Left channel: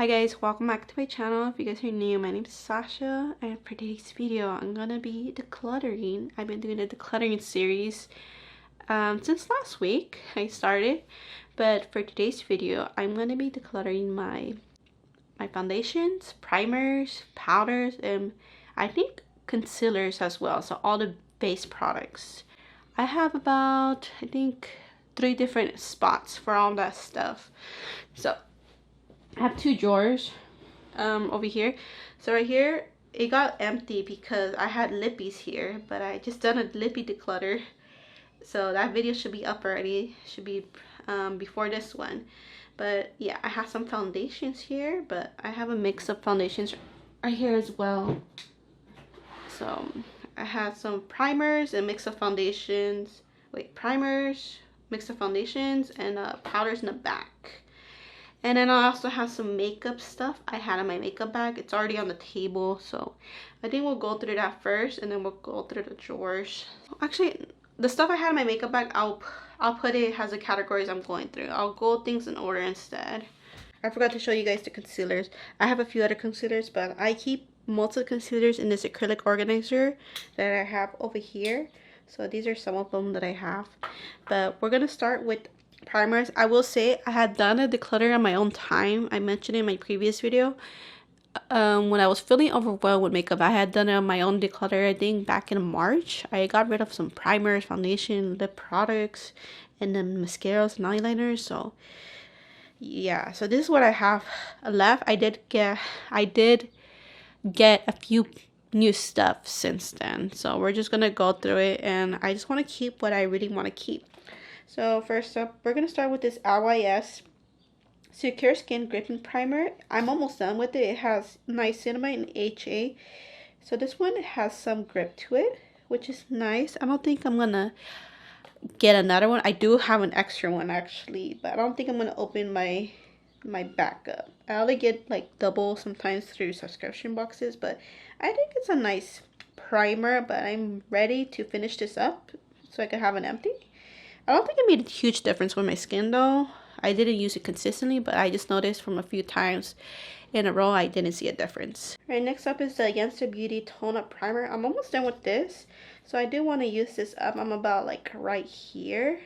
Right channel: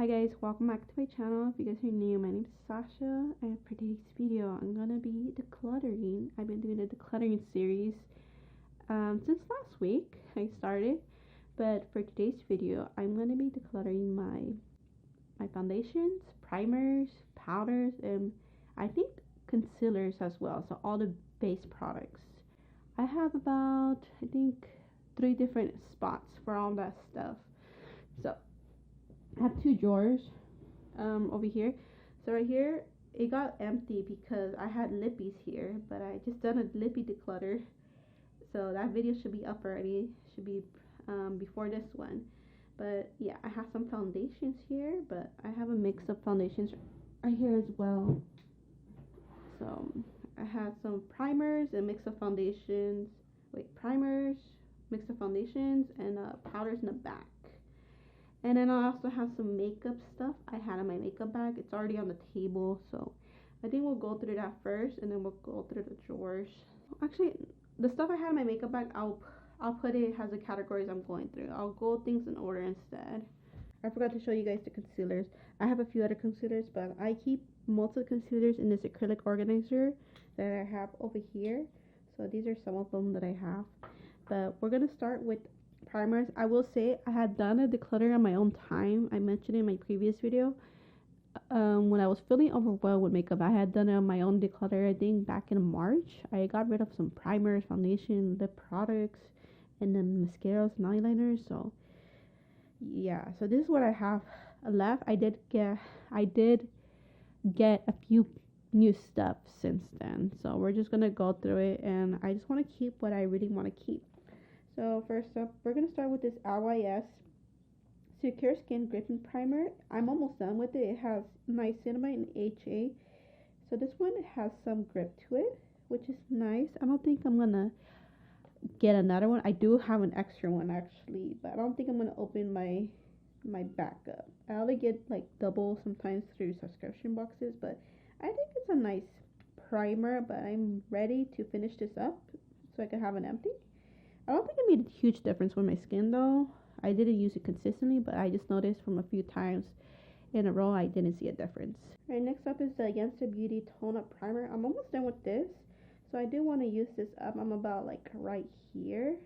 Hi guys, welcome back to my channel. If you guys are new, my name is Sasha, and for today's video I'm gonna be decluttering. I've been doing a decluttering series since last week I started, but for today's video I'm gonna be decluttering my foundations, primers, powders, and I think concealers as well, so all the base products. I have about, I think, 3 different spots for all that stuff. So I have 2 drawers over here. So right here it got empty because I had lippies here, but I just done a lippy declutter, so that video should be up already, should be before this one. But yeah, I have some foundations here, but I have a mix of foundations right here as well. So I have some primers and mix of foundations, primers, mix of foundations, and powders in the back. And then I also have some makeup stuff I had in my makeup bag. It's already on the table, so I think we'll go through that first, and then we'll go through the drawers. Actually, the stuff I had in my makeup bag, I'll put it as the categories I'm going through. I'll go things in order instead. I forgot to show you guys the concealers. I have a few other concealers, but I keep most of the concealers in this acrylic organizer that I have over here. So these are some of them that I have. But we're gonna start with primers. I will say I had done a declutter on my own time. I mentioned in my previous video when I was feeling overwhelmed with makeup, I had done it on my own declutter. I think back in March I got rid of some primers, foundation, lip products, and then mascaras and eyeliners. So yeah, so this is what I have left. I did get a few new stuff since then, so we're just gonna go through it, and I just want to keep what I really want to keep. So first up, we're going to start with this LYS Secure Skin Gripping Primer. I'm almost done with it. It has niacinamide and HA. So this one has some grip to it, which is nice. I don't think I'm going to get another one. I do have an extra one actually, but I don't think I'm going to open my backup. I only get like double sometimes through subscription boxes, but I think it's a nice primer, but I'm ready to finish this up so I can have an empty. I don't think it made a huge difference with my skin though. I didn't use it consistently, but I just noticed from a few times in a row I didn't see a difference. Alright, next up is the Beauté Tone Up Primer. I'm almost done with this, so I do want to use this up. I'm about like right here.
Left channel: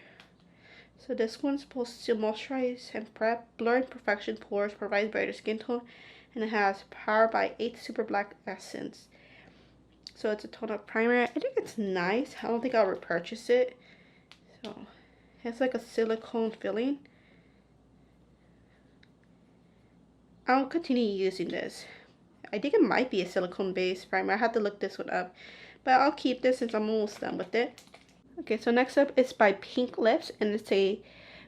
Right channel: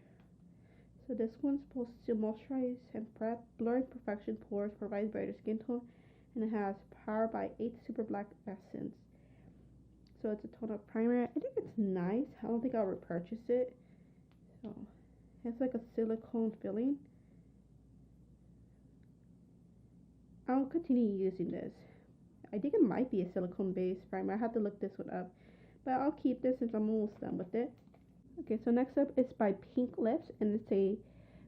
So this one's supposed to moisturize and prep, blur imperfection pores, provide brighter skin tone, and it has Power by 8 Super Black Essence. So it's a tone up primer. I think it's nice. I don't think I'll repurchase it. So it's like a silicone filling. I'll continue using this. I think it might be a silicone based primer. I have to look this one up, but I'll keep this since I'm almost done with it. Okay, so next up is by Pink Lips, and it's a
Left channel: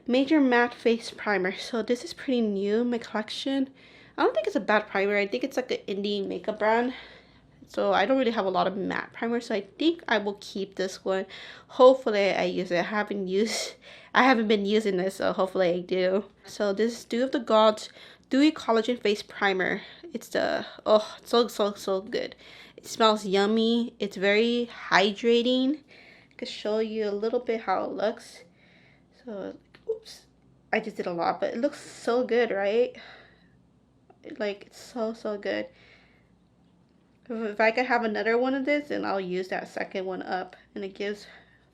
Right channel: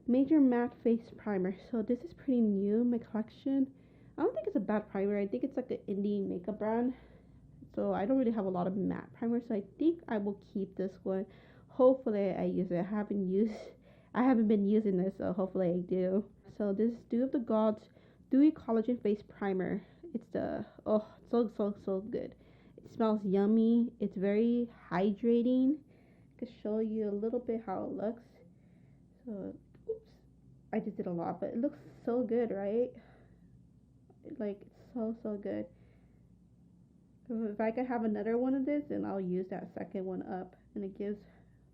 Major Matte Face Primer. So this is pretty new in my collection. I don't think it's a bad primer. I think it's like an indie makeup brand. So I don't really have a lot of matte primers, so I think I will keep this one. Hopefully I use it. I haven't been using this, so hopefully I do. So this is Dew of the Gods Dewy Collagen Face Primer. It's the, oh, so good. It smells yummy. It's very hydrating. I can show you a little bit how it looks. So, oops, I just did a lot, but it looks so good, right? Like, it's so good. If I could have another one of this, then I'll use that second one up, and it gives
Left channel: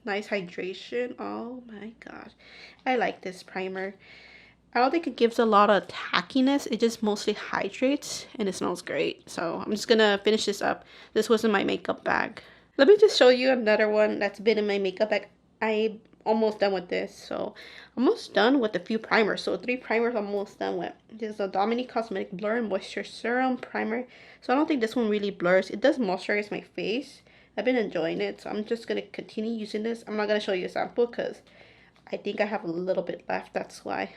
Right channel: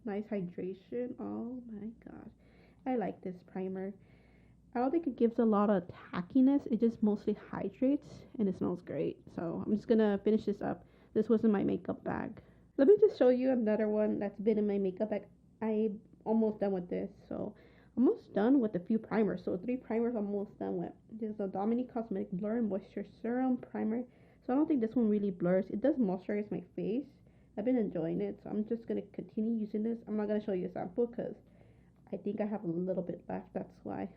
nice hydration. Oh my gosh, I like this primer. I don't think it gives a lot of tackiness. It just mostly hydrates, and it smells great. So I'm just gonna finish this up. This was in my makeup bag. Let me just show you another one that's been in my makeup bag. I'm almost done with this. So almost done with a few primers. So 3 primers I'm almost done with. This is a Dominique Cosmetic Blur and Moisture Serum Primer. So I don't think this one really blurs. It does moisturize my face. I've been enjoying it, so I'm just going to continue using this. I'm not going to show you a sample because I think I have a little bit left. That's why.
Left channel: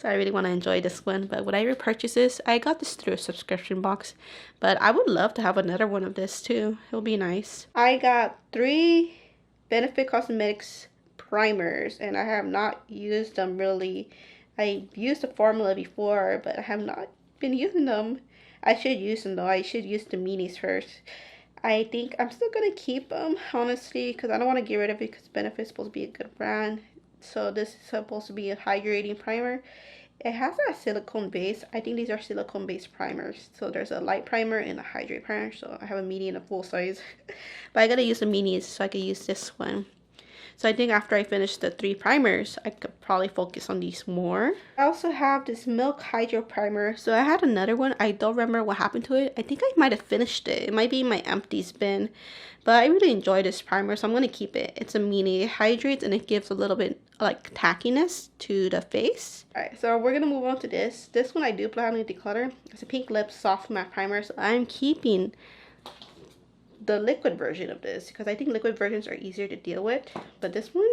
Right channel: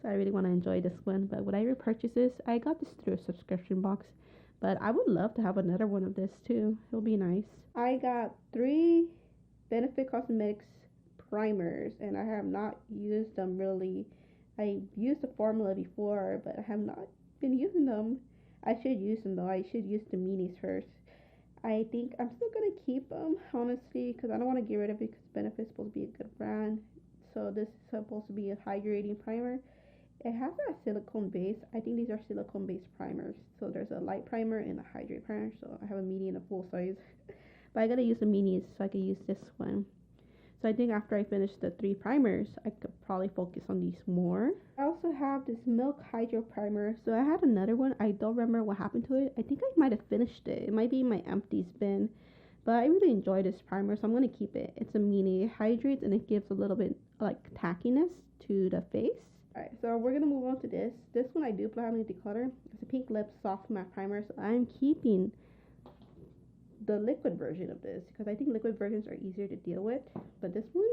So I really want to enjoy this one. But when I repurchase this, I got this through a subscription box. But I would love to have another one of this too. It'll be nice. I got 3 Benefit Cosmetics primers, and I have not used them really. I used the formula before, but I have not been using them. I should use them though. I should use the minis first. I think I'm still gonna keep them honestly because I don't want to get rid of it because Benefit's supposed to be a good brand. So this is supposed to be a hydrating primer, It has a silicone base. I think these are silicone based primers. So there's a light primer and a hydrate primer. So I have a medium and a full size. But I gotta use the minis so I can use this one. So I think after I finish the 3 primers, I could probably focus on these more. I also have this Milk Hydro Primer. So I had another one. I don't remember what happened to it. I think I might have finished it. It might be in my empties bin. But I really enjoy this primer, so I'm going to keep it. It's a mini. It hydrates and it gives a little bit like tackiness to the face. Alright, so we're going to move on to this. This one I do plan on declutter. It's a Pink Lip Soft Matte Primer. So I'm keeping the liquid version of this because I think liquid versions are easier to deal with. But this one,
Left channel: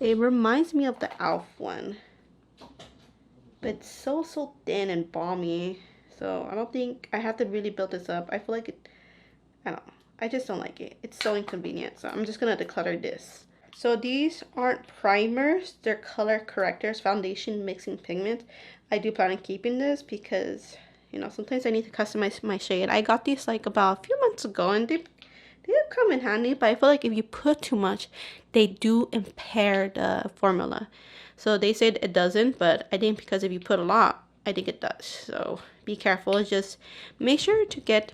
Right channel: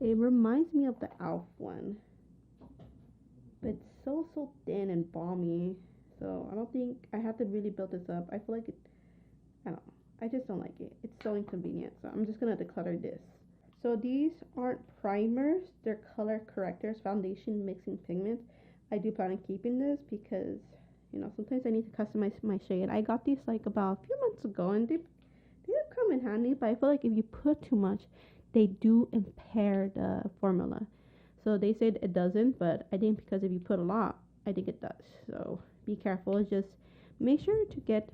it reminds me of the e.l.f. one. But it's so thin and balmy. So I don't think I have to really build this up. I feel like it, I don't know. I just don't like it. It's so inconvenient. So I'm just going to declutter this. So these aren't primers. They're color correctors, foundation mixing pigment. I do plan on keeping this because, you know, sometimes I need to customize my shade. I got these like about a few months ago and they do come in handy. But I feel like if you put too much, they do impair the formula. So they said it doesn't, but I think because if you put a lot, I think it does. So be careful. Just make sure to get...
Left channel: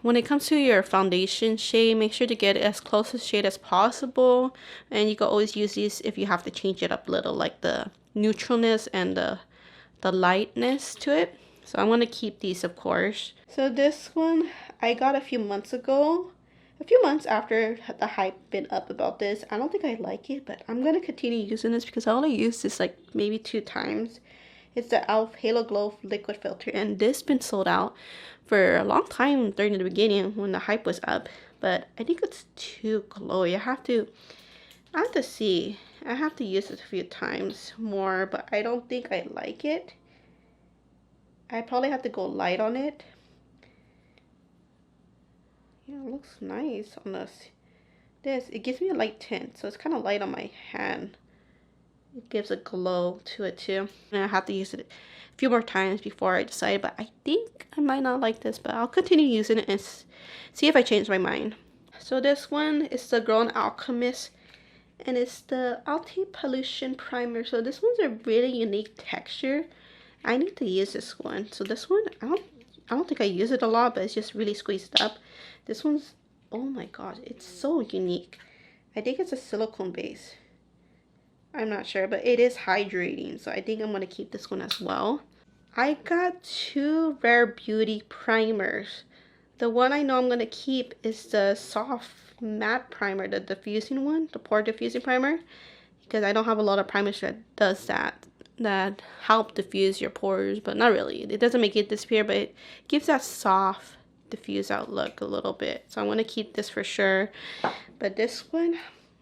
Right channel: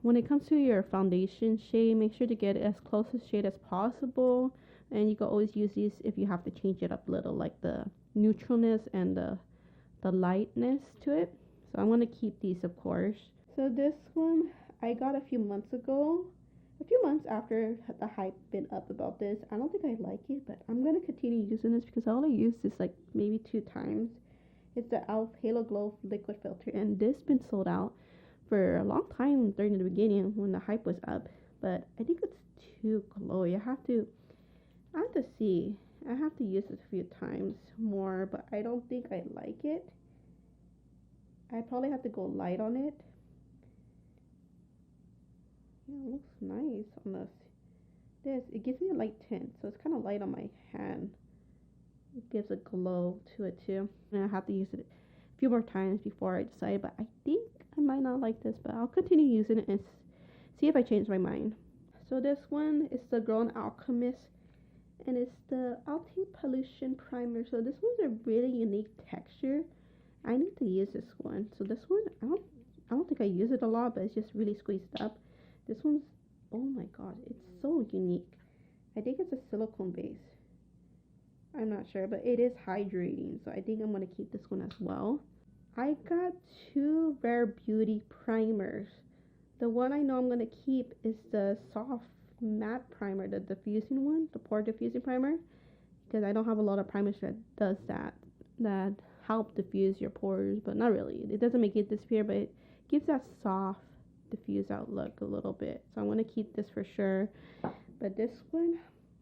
When it comes to your foundation shade, make sure to get as close a shade as possible. And you can always use these if you have to change it up a little, like the neutralness and the lightness to it. So I'm going to keep these, of course. So this one I got a few months ago. A few months after the hype been up about this. I don't think I like it, but I'm going to continue using this because I only used this like maybe 2 times. It's the e.l.f. Halo Glow Liquid Filter. And this been sold out for a long time during the beginning when the hype was up, but I think it's too glowy. I have to see. I have to use it a few times more, but I don't think I like it. I probably have to go light on it. Yeah, it looks nice on this. It gives me a light tint, so it's kind of light on my hand. It gives a glow to it too, and I have to use it a few more times before I decide, but I think I might not like this, but I'll continue using it and see if I change my mind. So this one is the Grown Alchemist, and it's the Anti-Pollution Primer. So this one's a really unique texture. I need to use this one. So this one, I don't think I use it a lot, but it's just really squeezed up. This one's, oh my god, it's so unique. I think it's a silicone base. I'm not sure, but it is hydrating, so I think I'm going to keep this one as well. I got 2 Rare Beauty primers. The one I know I'm going to keep is the Soft Matte Primer, the diffusing one, the pore diffusing primer, because I don't have a lot of primers that does that help diffuse your pores, but not really. It doesn't make it disappear, but it gives that soft, diffuse out look a little bit. So I'm going to keep this for sure. But this one,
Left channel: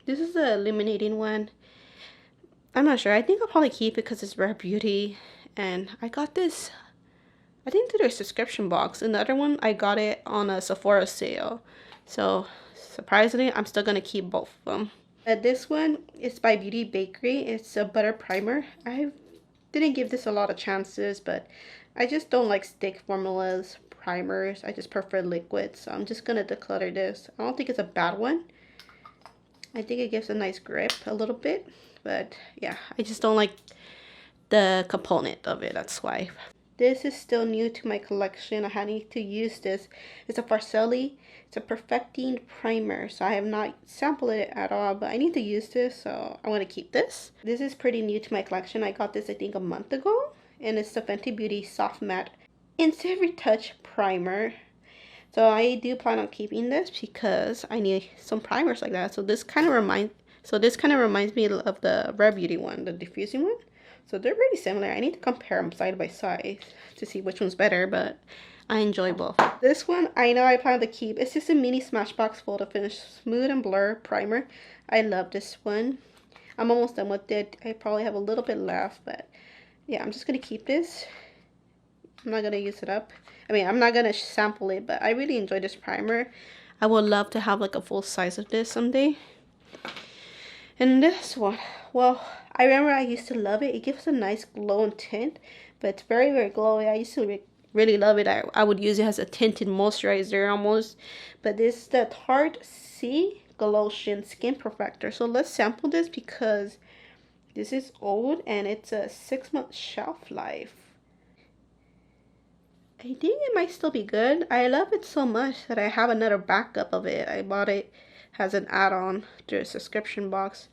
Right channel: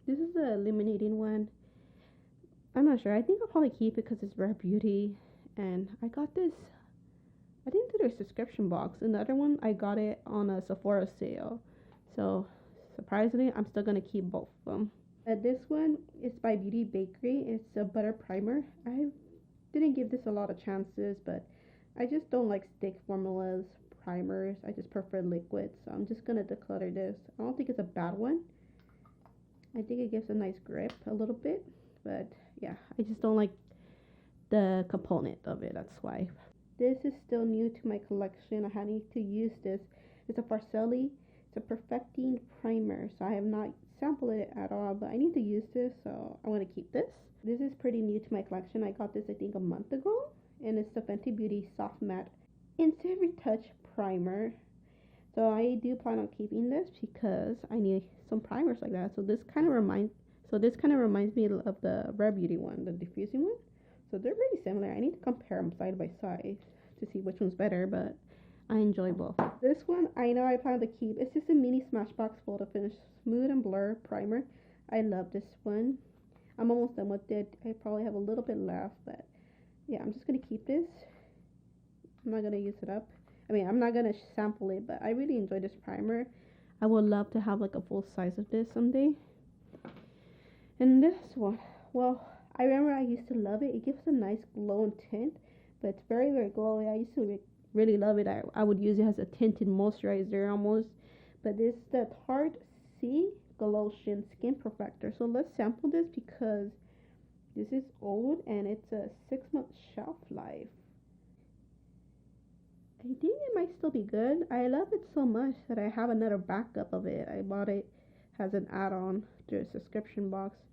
this is the illuminating one. I'm not sure. I think I'll probably keep it because it's Rare Beauty. And I got this, I think, through their subscription box. And the other one, I got it on a Sephora sale. So, surprisingly, I'm still going to keep both of them. This one is by Beauty Bakery. It's a butter primer. I didn't give this a lot of chances, but I just don't like stick formulas, primers. I just prefer liquids. So I'm just going to declutter this. I don't think it's a bad one. I think it gives a nice grip a little bit. But yeah, I just don't like the component of it. That's why. This is still new to my collection. I need to use this. It's a Pastel. It's a perfecting primer. So I have not sampled it at all, but I need to use this. So I'm going to keep this. This is pretty new to my collection. I got this, I think, a month ago. And it's the Fenty Beauty Soft Matte Instant Retouch Primer. So I do plan on keeping this because I need some primers like that. So this kind of reminds me of the Rare Beauty one, the diffusing one. So they're really similar. I need to compare them side by side to see which one's better, but I enjoy both. This one, I know I plan to keep. It's just a mini Smashbox Photo Finish Smooth and Blur Primer. I love this one. I'm almost done with it. I probably have a little bit left, but yeah, I'm just going to keep this. I'm not going to use it up. I mean, I'm not going to sample it, but I really enjoy this primer. I would love to have like a full size of this someday. And this one, well, I remember I used to love it. It gives a nice glow and tint, but it's very, very glowy. I used to really love it. I would use it as a tinted moisturizer almost. But this is the Tarte C Glotion Skin Perfector. So let's sample this because This is old and it's a 6-month shelf life. I think it might still be good. I love it so much that I have another backup of it. I bought it as an add-on to a subscription box.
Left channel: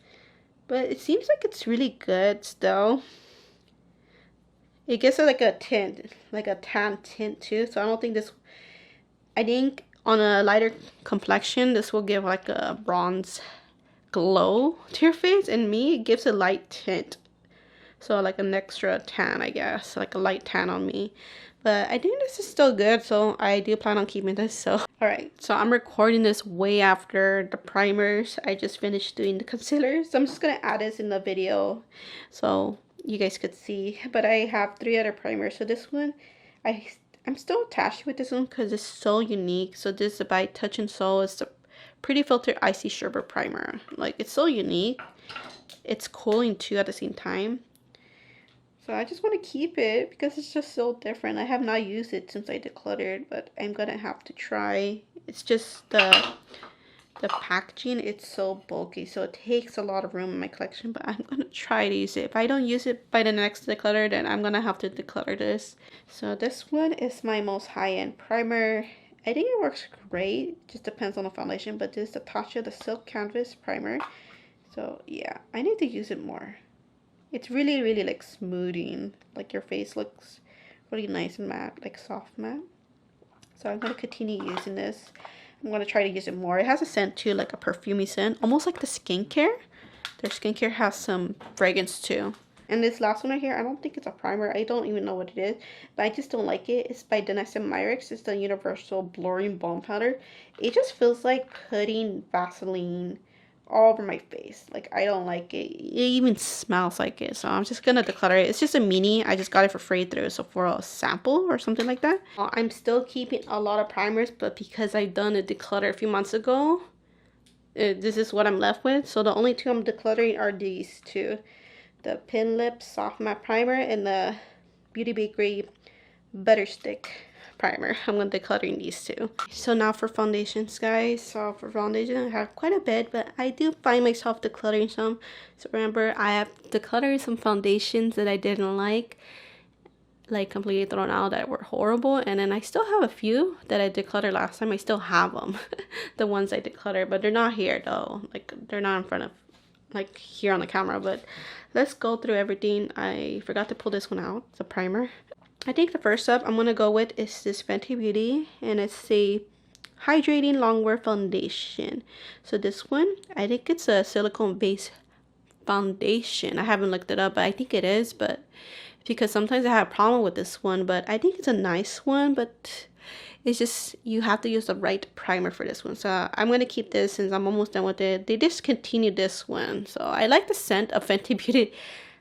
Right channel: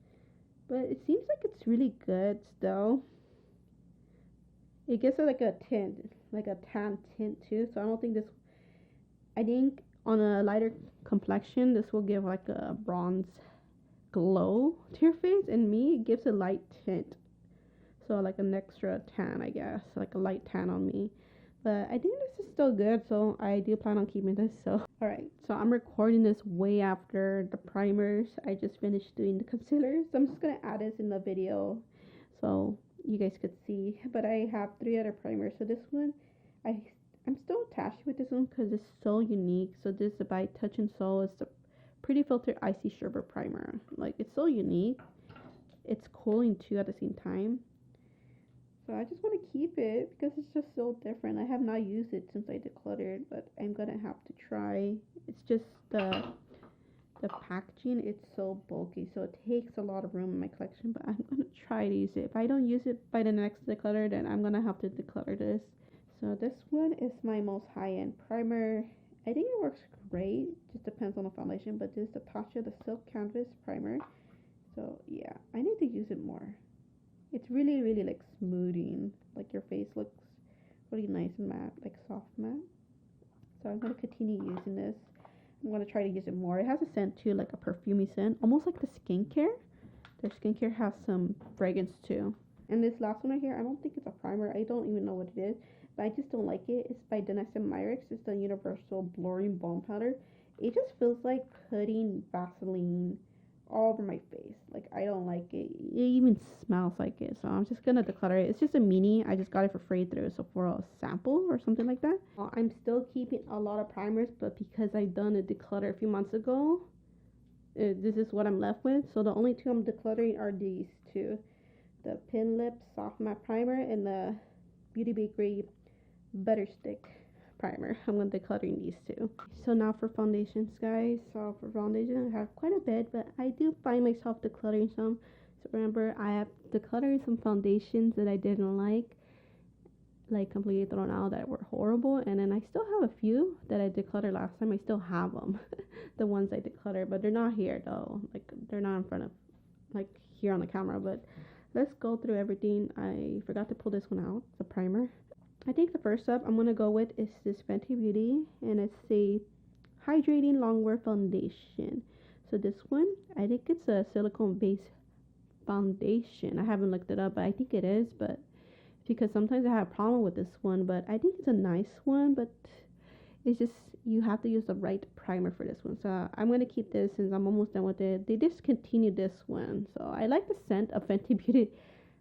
But it seems like it's really good still. It gives it like a tint, like a tan tint too. So I don't think this, I think on a lighter complexion, this will give like a bronze glow to your face. And me, it gives a light tint. So like an extra tan, I guess. Like a light tan on me. But I think this is still good, so I do plan on keeping this. So alright, so I'm recording this way after the primers. I just finished doing the concealer, so I'm just gonna add this in the video so you guys could see. But I have 3 other primers. So this one, I'm still attached with this one because it's so unique. So this is by Touch and Soul. It's the Pretty Filter Icy Sherbet Primer. Like, it's so unique. It's cooling too at the same time. So I just want to keep it because it's just so different. I have not used it since I decluttered, but I'm gonna have to try. It's just the packaging, it's so bulky, so it takes a lot of room in my collection, but I'm gonna try to use it. If I don't use it by the next declutter, then I'm gonna have to declutter this. So this one is my most high-end primer. I think it works great, just depends on the foundation, but this is the Tasha the Silk Canvas Primer. So yeah, I need to use it more. It's really, really like smoothing. Like your face looks really nice and matte, like soft matte. So I'm going to continue using this. I'm going to try to use it more. It has a scent too, like a perfumey scent. Almost like the skincare. Their skincare has some fragrance too. And this last one right here, I don't think it's a primer. I don't even know what it is. But I just don't like it. It's by Danessa Myricks. It's the Universal Blurring Balm Powder. It just feels like putting Vaseline all over my face. Like, I don't like it. It even smells like it. So I'm just gonna declutter it. It's just a mini. I just got it for free through Sephora sample or something like that. I'm still keeping a lot of primers, but because I've done a declutter a few months ago, this is what I'm left with. So the only 2 I'm decluttering are these 2. The Pin Lip Soft Matte Primer and the Beauty Bakery Butter Stick Primer. I'm going to decluttering these 2. So now for foundations, guys. So for foundation, I have quite a bit, but I do find myself decluttering some. So remember, I have decluttered some foundations that I didn't like completely thrown out, that were horrible. And then I still have a few that I decluttered last time. I still have them. The ones I decluttered, but they're not here though. Like, they're not in front of, like, here on the camera. But let's go through everything. I forgot to pull this one out, the primer. I think the first up I'm going to go with is this Fenty Beauty, and it's a Hydrating Longwear Foundation. So this one, I think it's a silicone based foundation. I haven't looked it up, but I think it is, but because sometimes I have a problem with this one, but I think it's a nice one, but it's just, you have to use the right primer for this one. So I'm going to keep this since I'm almost done with it. They discontinued this one. So I like the scent of Fenty Beauty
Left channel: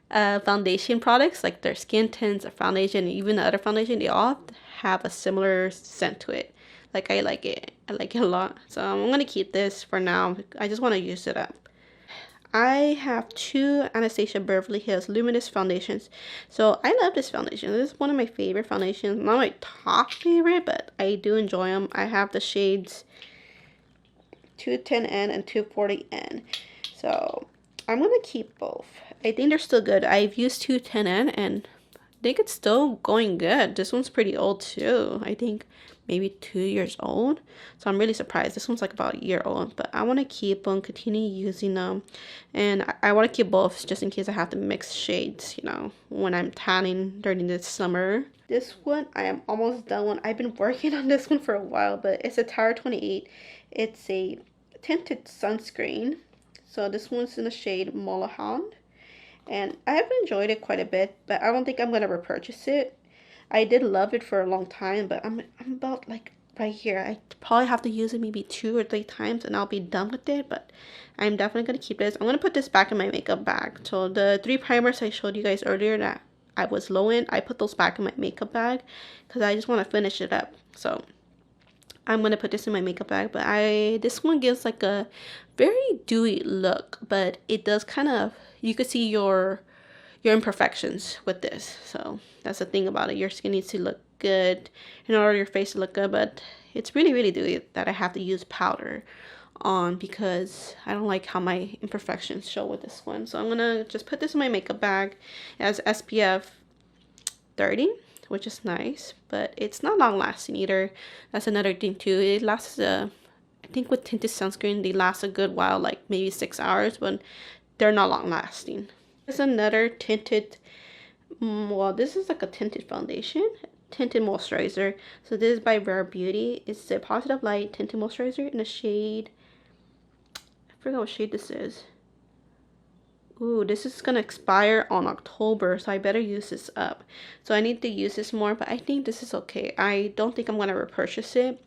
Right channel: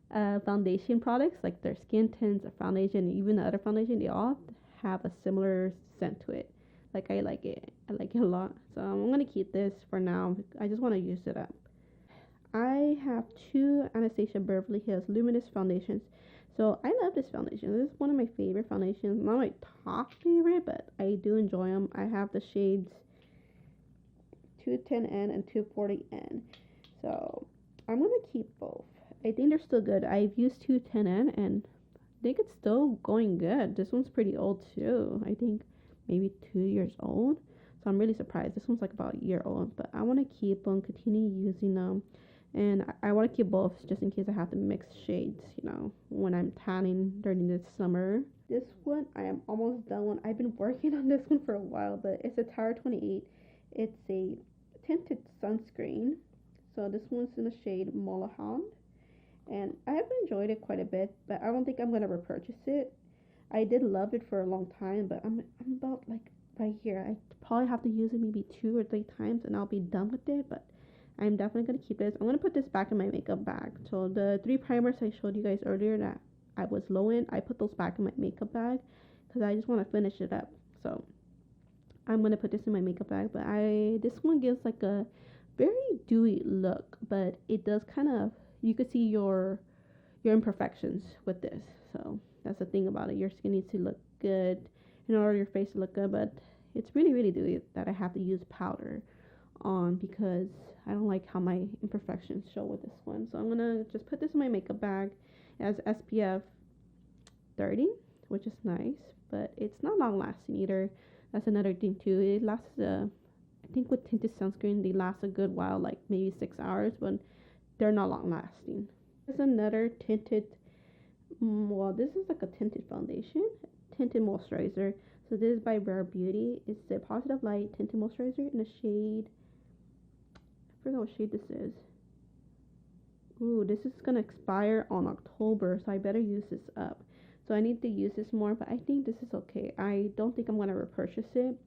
foundation products, like their skin tints, or foundation, even the other foundation, they all have a similar scent to it. Like, I like it a lot. So I'm gonna keep this for now. I just want to use it up. I have 2 Anastasia Beverly Hills Luminous foundations. So I love this foundation. This is one of my favorite foundations. Not my top favorite, but I do enjoy them. I have the shades 210N and 240N. So I'm gonna keep both. I think they're still good. I've used 210N and I think it's still going good. This one's pretty old too. I think maybe 2 years old. So I'm really surprised. This one's like about a year old. But I want to keep them, continue using them. And I want to keep both just in case I have to mix shades, you know, when I'm tanning during the summer. This one, I am almost done one. I've been working on this one for a while, but it's a Tower 28. It's a tinted sunscreen. So this one's in the shade Mulholland. And I have enjoyed it quite a bit, but I don't think I'm going to repurchase it. I did love it for a long time, but I'm about like right here. I probably have to use it maybe 2 or 3 times and I'll be done with it, but I'm definitely going to keep this. I'm going to put this back in my makeup bag. So the 3 primers I showed you guys earlier that I was low in, I put those back in my makeup bag because I just want to finish it up. So I'm going to put this in my makeup bag, but this one gives like a very dewy look, but it does kind of, you could see your imperfections with this. So that's the thing about it. Your skin needs to look good in order for your face to look good, but it's really, really dewy that I have to use powder on because I don't like how my imperfections show with this one. So I'm gonna just put this in my makeup bag. It has SPF 30, which is nice, but it's not long lasting either. That's another thing too. It lasts I think with tinted sunscreen they last a good while, like maybe 6 hours, but they're not long lasting. There's another tinted, well, this is like a tinted foundation, tinted moisturizer. So this is by Rare Beauty. It's the Positive Light tinted moisturizer in the shade, I forgot what shade this is. Ooh, this is gonna expire on October, so I better use this up. So I need to use this more, but I think this is okay. I don't think I'm gonna repurchase it.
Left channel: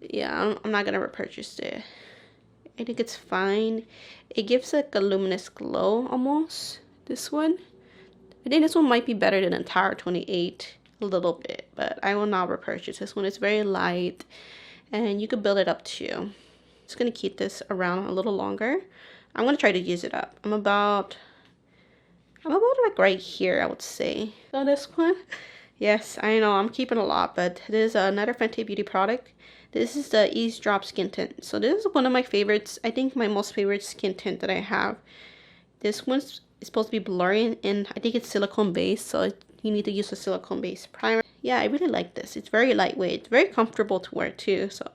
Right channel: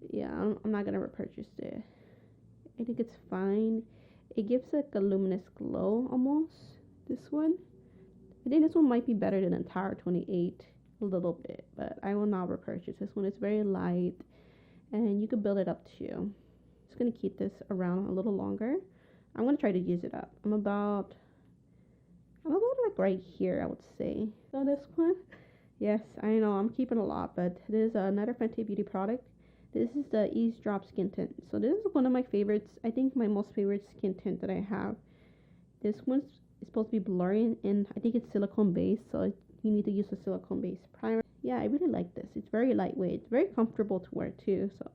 Yeah, I'm not gonna repurchase it. I think it's fine. It gives like a luminous glow almost. This one, I think this one might be better than entire 28 a little bit, but I will not repurchase this one. It's very light, and you could build it up too. Just gonna keep this around a little longer. I'm gonna try to use it up. I'm about like right here, I would say. So this one, yes, I know I'm keeping a lot, but this is another Fenty Beauty product. This is the Eavesdrop Skin Tint. So this is one of my favorites. I think my most favorite skin tint that I have. This one's supposed to be blurry, and I think it's silicone based, so you need to use a silicone based primer. Yeah, I really like this. It's very lightweight, very comfortable to wear too. So,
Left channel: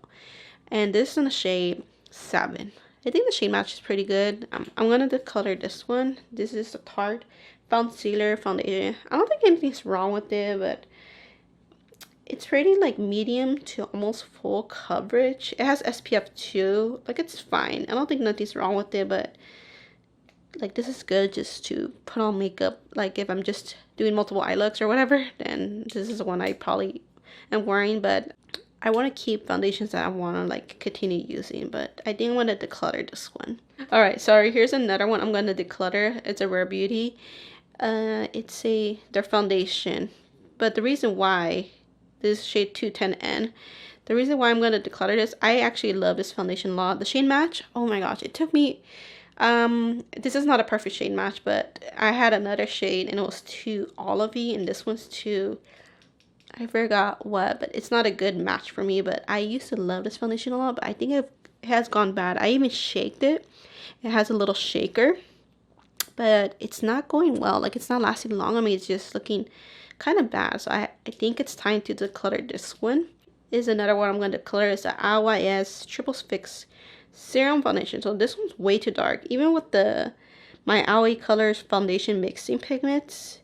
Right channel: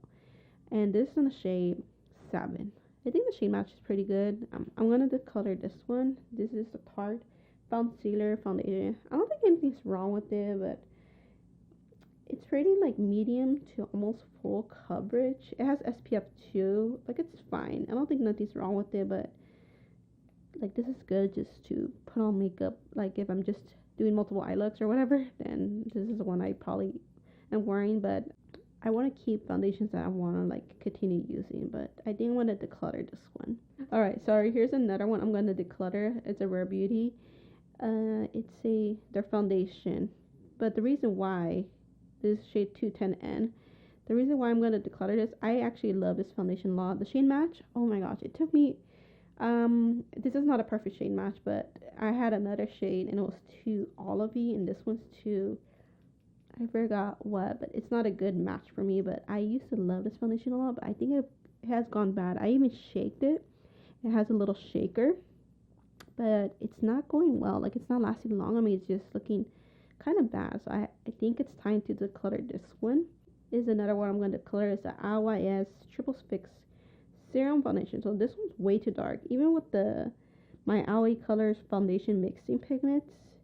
and this is in the shade 7. I think the shade match is pretty good. I'm gonna declutter this one. This is a Tarte Concealer Foundation. I don't think anything's wrong with it, but it's pretty like medium to almost full coverage. It has SPF 2. Like, it's fine. I don't think nothing's wrong with it, but like this is good just to put on makeup. Like if I'm just doing multiple eye looks or whatever, then this is the one I probably am wearing. But I want to keep foundations that I want to like continue using, but I think I'm going to declutter this one. All right, sorry, here's another one I'm going to declutter. It's a Rare Beauty. It's their foundation, but the reason why this is shade 210N. The reason why I'm going to declutter this, I actually love this foundation a lot. The shade match, oh my gosh, it took me, this is not a perfect shade match, but I had another shade and it was too olivey, and this one's too, I forgot what, but it's not a good match for me. But I used to love this foundation a lot, but I think it has gone bad. I even shaked it. It has a little shaker, but it's not going well. Like, it's not lasting long. I mean, it's just looking kind of bad. So I think it's time to declutter this one. Is another one I'm going to declutter is the IYS Triple Fix Serum Foundation. So this one's way too dark. Even with my Aoi Colors foundation mixing pigments,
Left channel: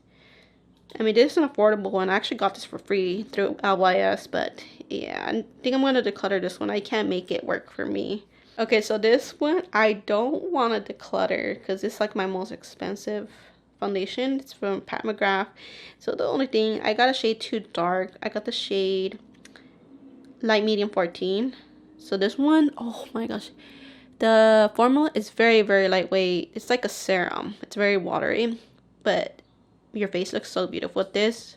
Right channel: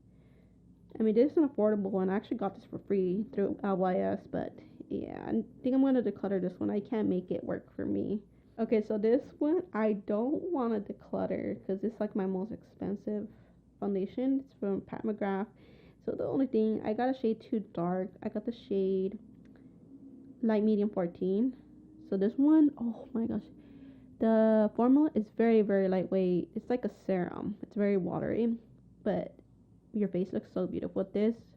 I mean, this is an affordable one. I actually got this for free through LYS, but yeah, I think I'm going to declutter this one. I can't make it work for me. Okay, so this one, I don't want to declutter because it's like my most expensive foundation. It's from Pat McGrath. So the only thing, I got a shade too dark. I got the shade Light Medium 14. So this one, oh my gosh. The formula is very, very lightweight. It's like a serum. It's very watery, but your face looks so beautiful with this.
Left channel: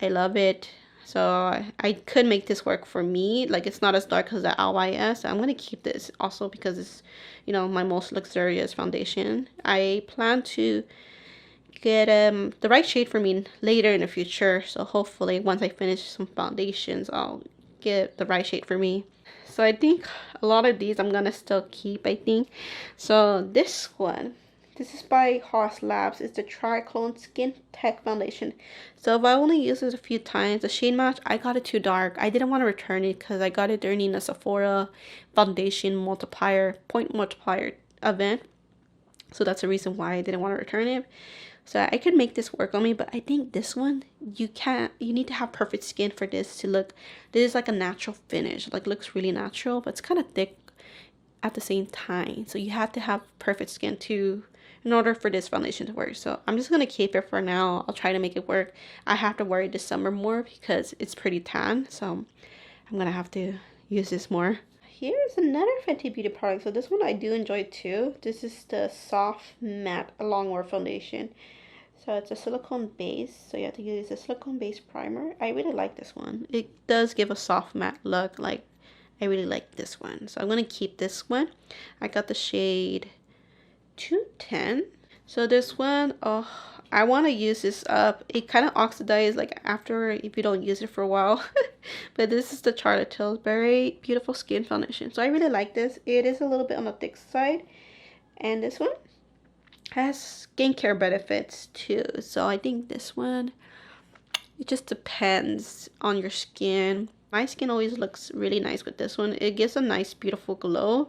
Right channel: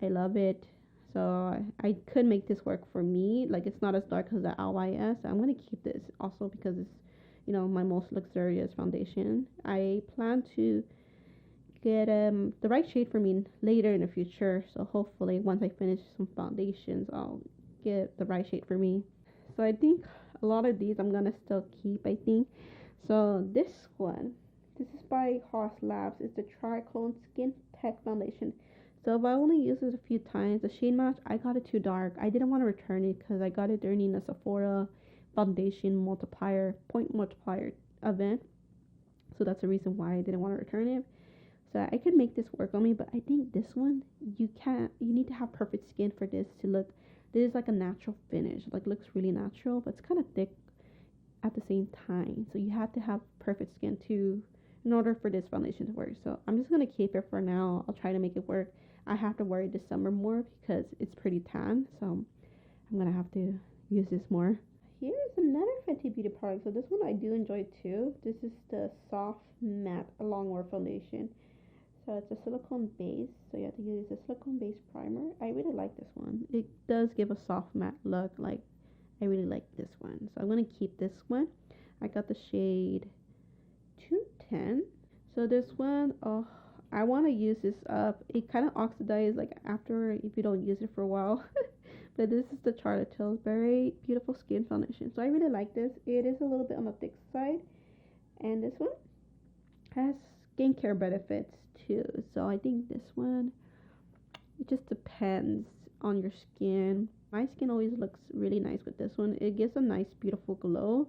I love it. So I could make this work for me. Like, it's not as dark as the LYS. I'm gonna keep this also because it's, you know, my most luxurious foundation. I plan to get the right shade for me later in the future. So hopefully once I finish some foundations, I'll get the right shade for me. So I think a lot of these I'm gonna still keep, I think. So this one, this is by Haas Labs. It's the Triclone Skin Tech Foundation. So if I only use it a few times, the shade match, I got it too dark. I didn't want to return it because I got it during a Sephora foundation point multiplier event. So that's the reason why I didn't want to return it. So I could make this work on me, but I think this one, you need to have perfect skin for this to look, this is like a natural finish. Like, looks really natural, but it's kind of thick at the same time. So you have to have perfect skin too in order for this foundation to work. So I'm just going to keep it for now. I'll try to make it work. I have to wear it this summer more because it's pretty tan. So I'm going to have to use this more. Here's another Fenty Beauty product. So this one I do enjoy too. This is the Soft Matte Longwear Foundation. So it's a silicone base. So you have to use a silicone base primer. I really like this one. It does give a soft matte look. Like, I really like this one. So I'm going to keep this one. I got the shade 210. So this one, oh, I want to use this up. It kind of oxidizes like after if you don't use it for a while. But this is the Charlotte Tilbury Beautiful Skin Foundation. So I really like this. It is a little bit on the thick side. And this one has skincare benefits too. So I think this one, it just depends on your skin. My skin always looks really nice with this one. It gives a nice, beautiful glow.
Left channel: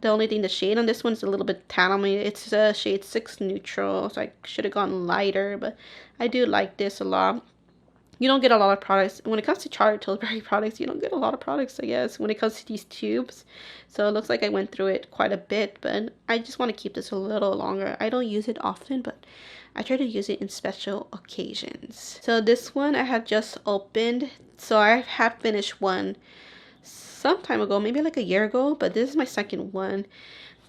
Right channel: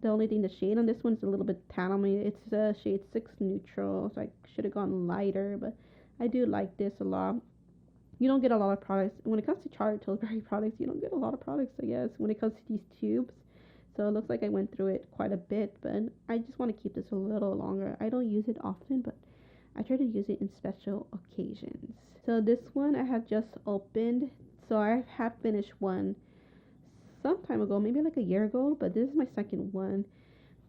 The only thing, the shade on this one is a little bit tan on me. It's a shade 6 neutral, so I should have gone lighter, but I do like this a lot. You don't get a lot of products. When it comes to Charlotte Tilbury products, you don't get a lot of products, I guess, when it comes to these tubes. So it looks like I went through it quite a bit, but I just want to keep this a little longer. I don't use it often, but I try to use it in special occasions. So this one I have just opened. So I have finished one some time ago, maybe like a year ago, but this is my second one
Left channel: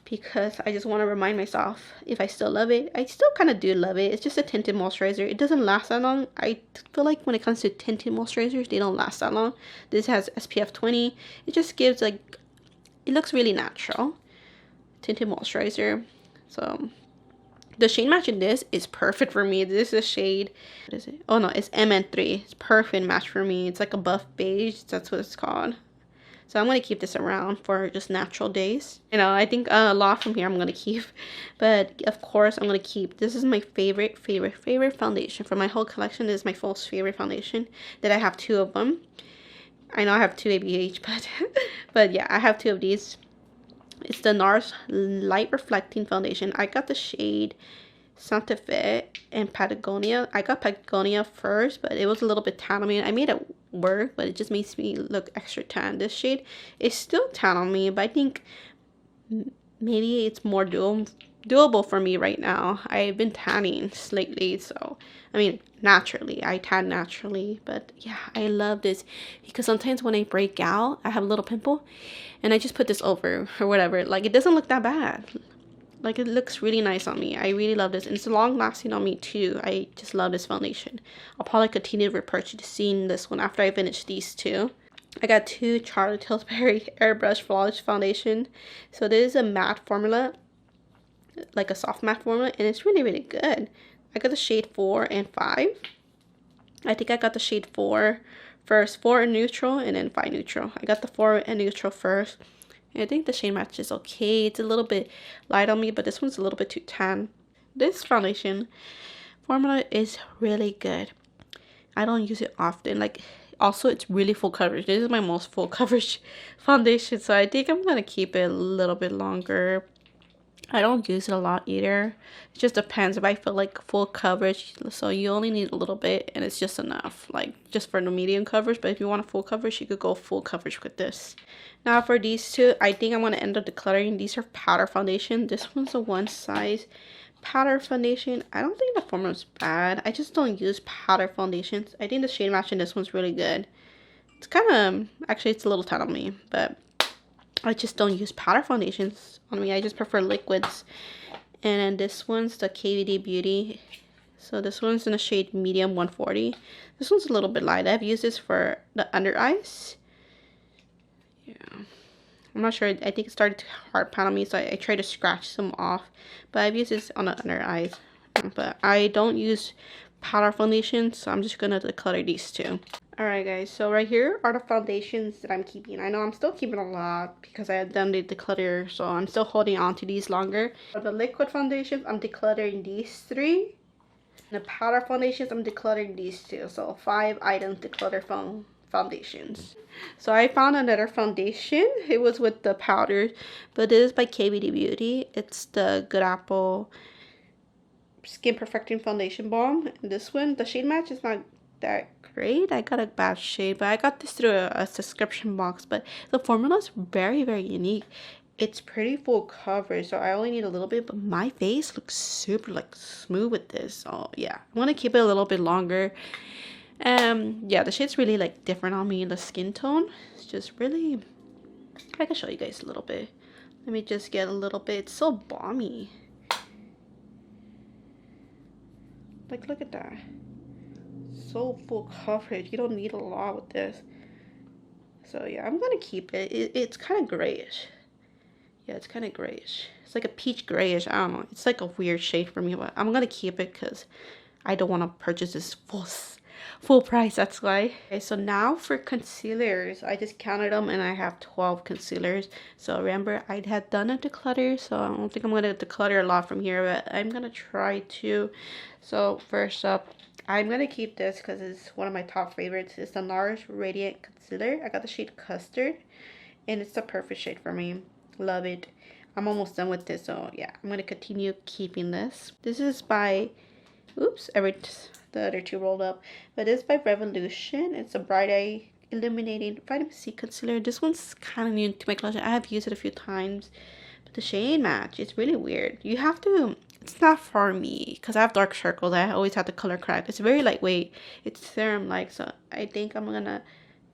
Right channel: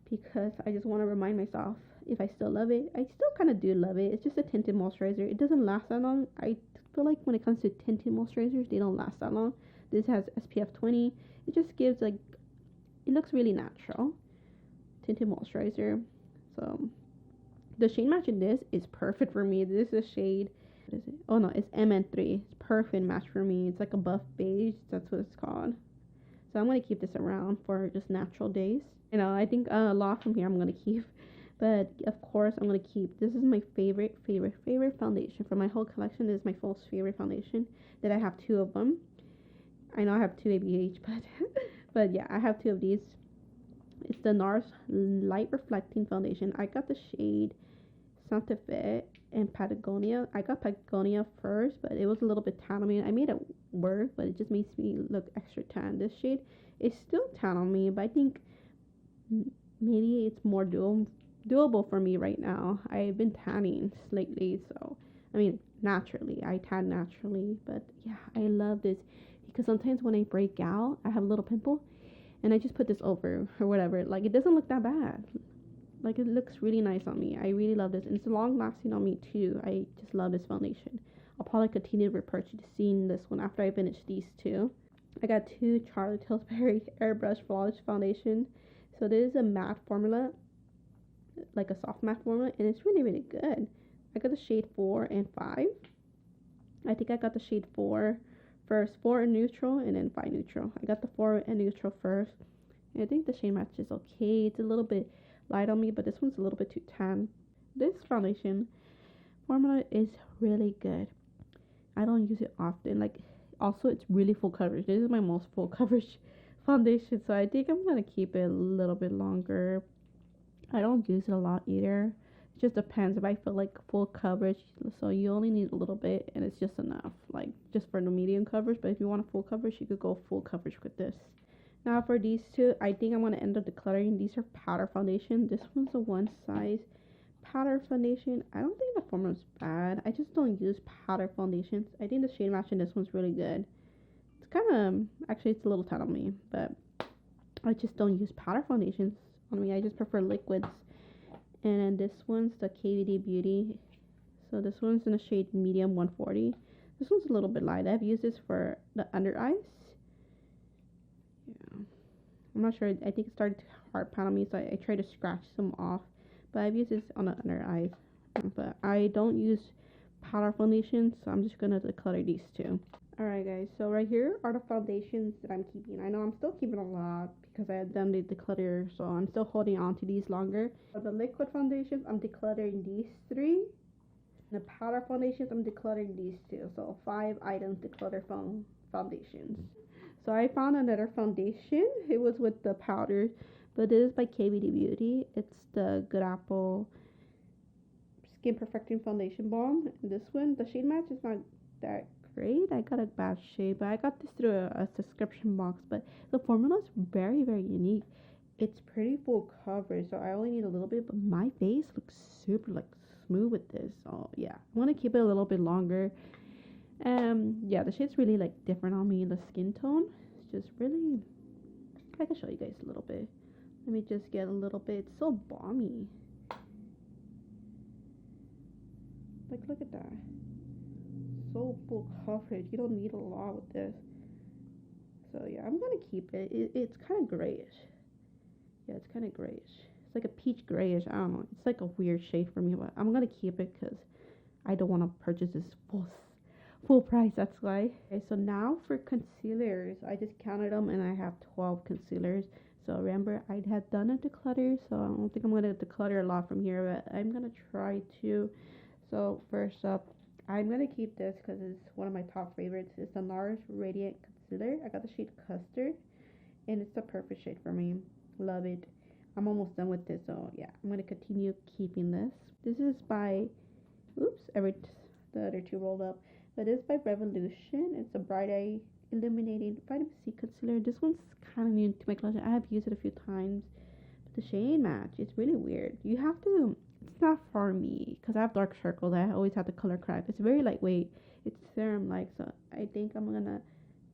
because I just want to remind myself if I still love it. I still kind of do love it. It's just a tinted moisturizer. It doesn't last that long. I feel like when it comes to tinted moisturizers, they don't last that long. This has SPF 20. It just gives like, it looks really natural. Tinted moisturizer. So the shade match in this is perfect for me. This is a shade, what is it? Oh no, it's MN3. It's perfect match for me. It's like a buff beige. That's what it's called. So I'm going to keep this around for just natural days. You know, I think a lot from here I'm going to keep. But of course, I'm going to keep. This is my favorite foundation. For my whole collection, this is my most favorite foundation. That I have 2 of them. I know I have 2 ABH, but yeah, I have 2 of these. It's the NARS Light Reflecting Foundation. I got the shade Santa Fe and Patagonia. I got Patagonia first, but it was a little bit tan on me. I made it work, but it just makes me look extra tan. This shade is still tan on me, but I think maybe it's more doable for me right now. I've been tanning lately, so I mean naturally. I tan naturally, but yeah, I love this because sometimes when I break out, I have a little pimple, and I just put this over or whatever. Like it doesn't look that bad. Like it looks really nice on me. I really love this. And it's long lasting on me too. I just love this foundation. I'll probably continue repurchasing this one after I finish these 2. I got 2 Charlotte Tilbury Airbrush Flawless Foundation. So this is a matte formula, like a soft matte formula, and it's really, really good. I got the shade 4 and 5. I think I got the shade 4 first, 4 in neutral, and then 5 neutral. I got the 4 in neutral first. I think the shade match is okay. It's a little bit light on me, but this one's a little bit too tan. This foundation formula is really good. I don't use it often. Like, also, it's really full coverage. This is my most full coverage foundation, so I think I'm going to keep it a little bit longer. I don't use it a lot either. It just depends if I feel like full coverage. So you only need a little bit, and it's just enough. Like, just for the medium coverage. But if you want a full coverage, you could go full coverage with this. Now for these 2, I think I'm going to end up decluttering. These are powder foundation. This one's a 1 size powder foundation. I don't think the formula's bad. I just don't use powder foundations. I think the shade match in this one's really good. It's kind of, actually it's a little tan on me, but I just don't use powder foundations on me. I just prefer liquids. And then this one's the KVD Beauty. So this one's in the shade medium 140. This one's a little bit light. I've used this for the under eyes. I'm not sure. I think it started to hard pan on me, so I tried to scratch some off. But I've used this on the under eyes. But I don't use powder foundation, so I'm just going to declutter these 2. Alright guys, so right here are the foundations that I'm keeping. I know I'm still keeping a lot because I had done the declutter, so I'm still holding on to these longer. For the liquid foundations, I'm decluttering these 3. The powder foundations, I'm decluttering these 2. So 5 items declutter foundations. So I found another foundation. It was with the powders, but this is by KVD Beauty. It's the Good Apple Skin Perfecting Foundation Balm. And this one, the shade match is not that great. I got a bad shade, but I got this through a subscription box. But the formula is very, very unique. It's pretty full coverage, so I only need a little bit, but my face looks super like smooth with this. So yeah, I want to keep it a little bit longer. Yeah, the shade's really like different on me. The skin tone, it's just really, I can show you guys a little bit. Let me just get a little bit. It's so balmy. Like, look at that. So full coverage. You don't need a lot with this. So yeah, I'm gonna keep it. It's kind of grayish. Yeah, it's kind of grayish. It's like a peach grayish. I don't know. It's like a weird shade for me, but I'm gonna keep it because I don't want to purchase this full price, that's why. Okay, so now for concealers, I just counted them and I have 12 concealers. So remember, I had done a declutter, so I don't think I'm gonna declutter a lot from here, but I'm gonna try to. So first up, I'm gonna keep this because it's one of my top favorites. It's the NARS Radiant Concealer. I got the shade Custard, and it's the perfect shade for me. Love it. I'm almost done with this, so yeah, I'm gonna continue keeping this. This is by, oops, the other two rolled up, but this is by Revolution. It's a Bright Eye Illuminating Vitamin C Concealer. This one's kind of new to my collection. I have used it a few times, but the shade match is really weird. You have to, it's not for me because I have dark circles. I always have to color correct. It's very lightweight. It's serum like, so I think I'm gonna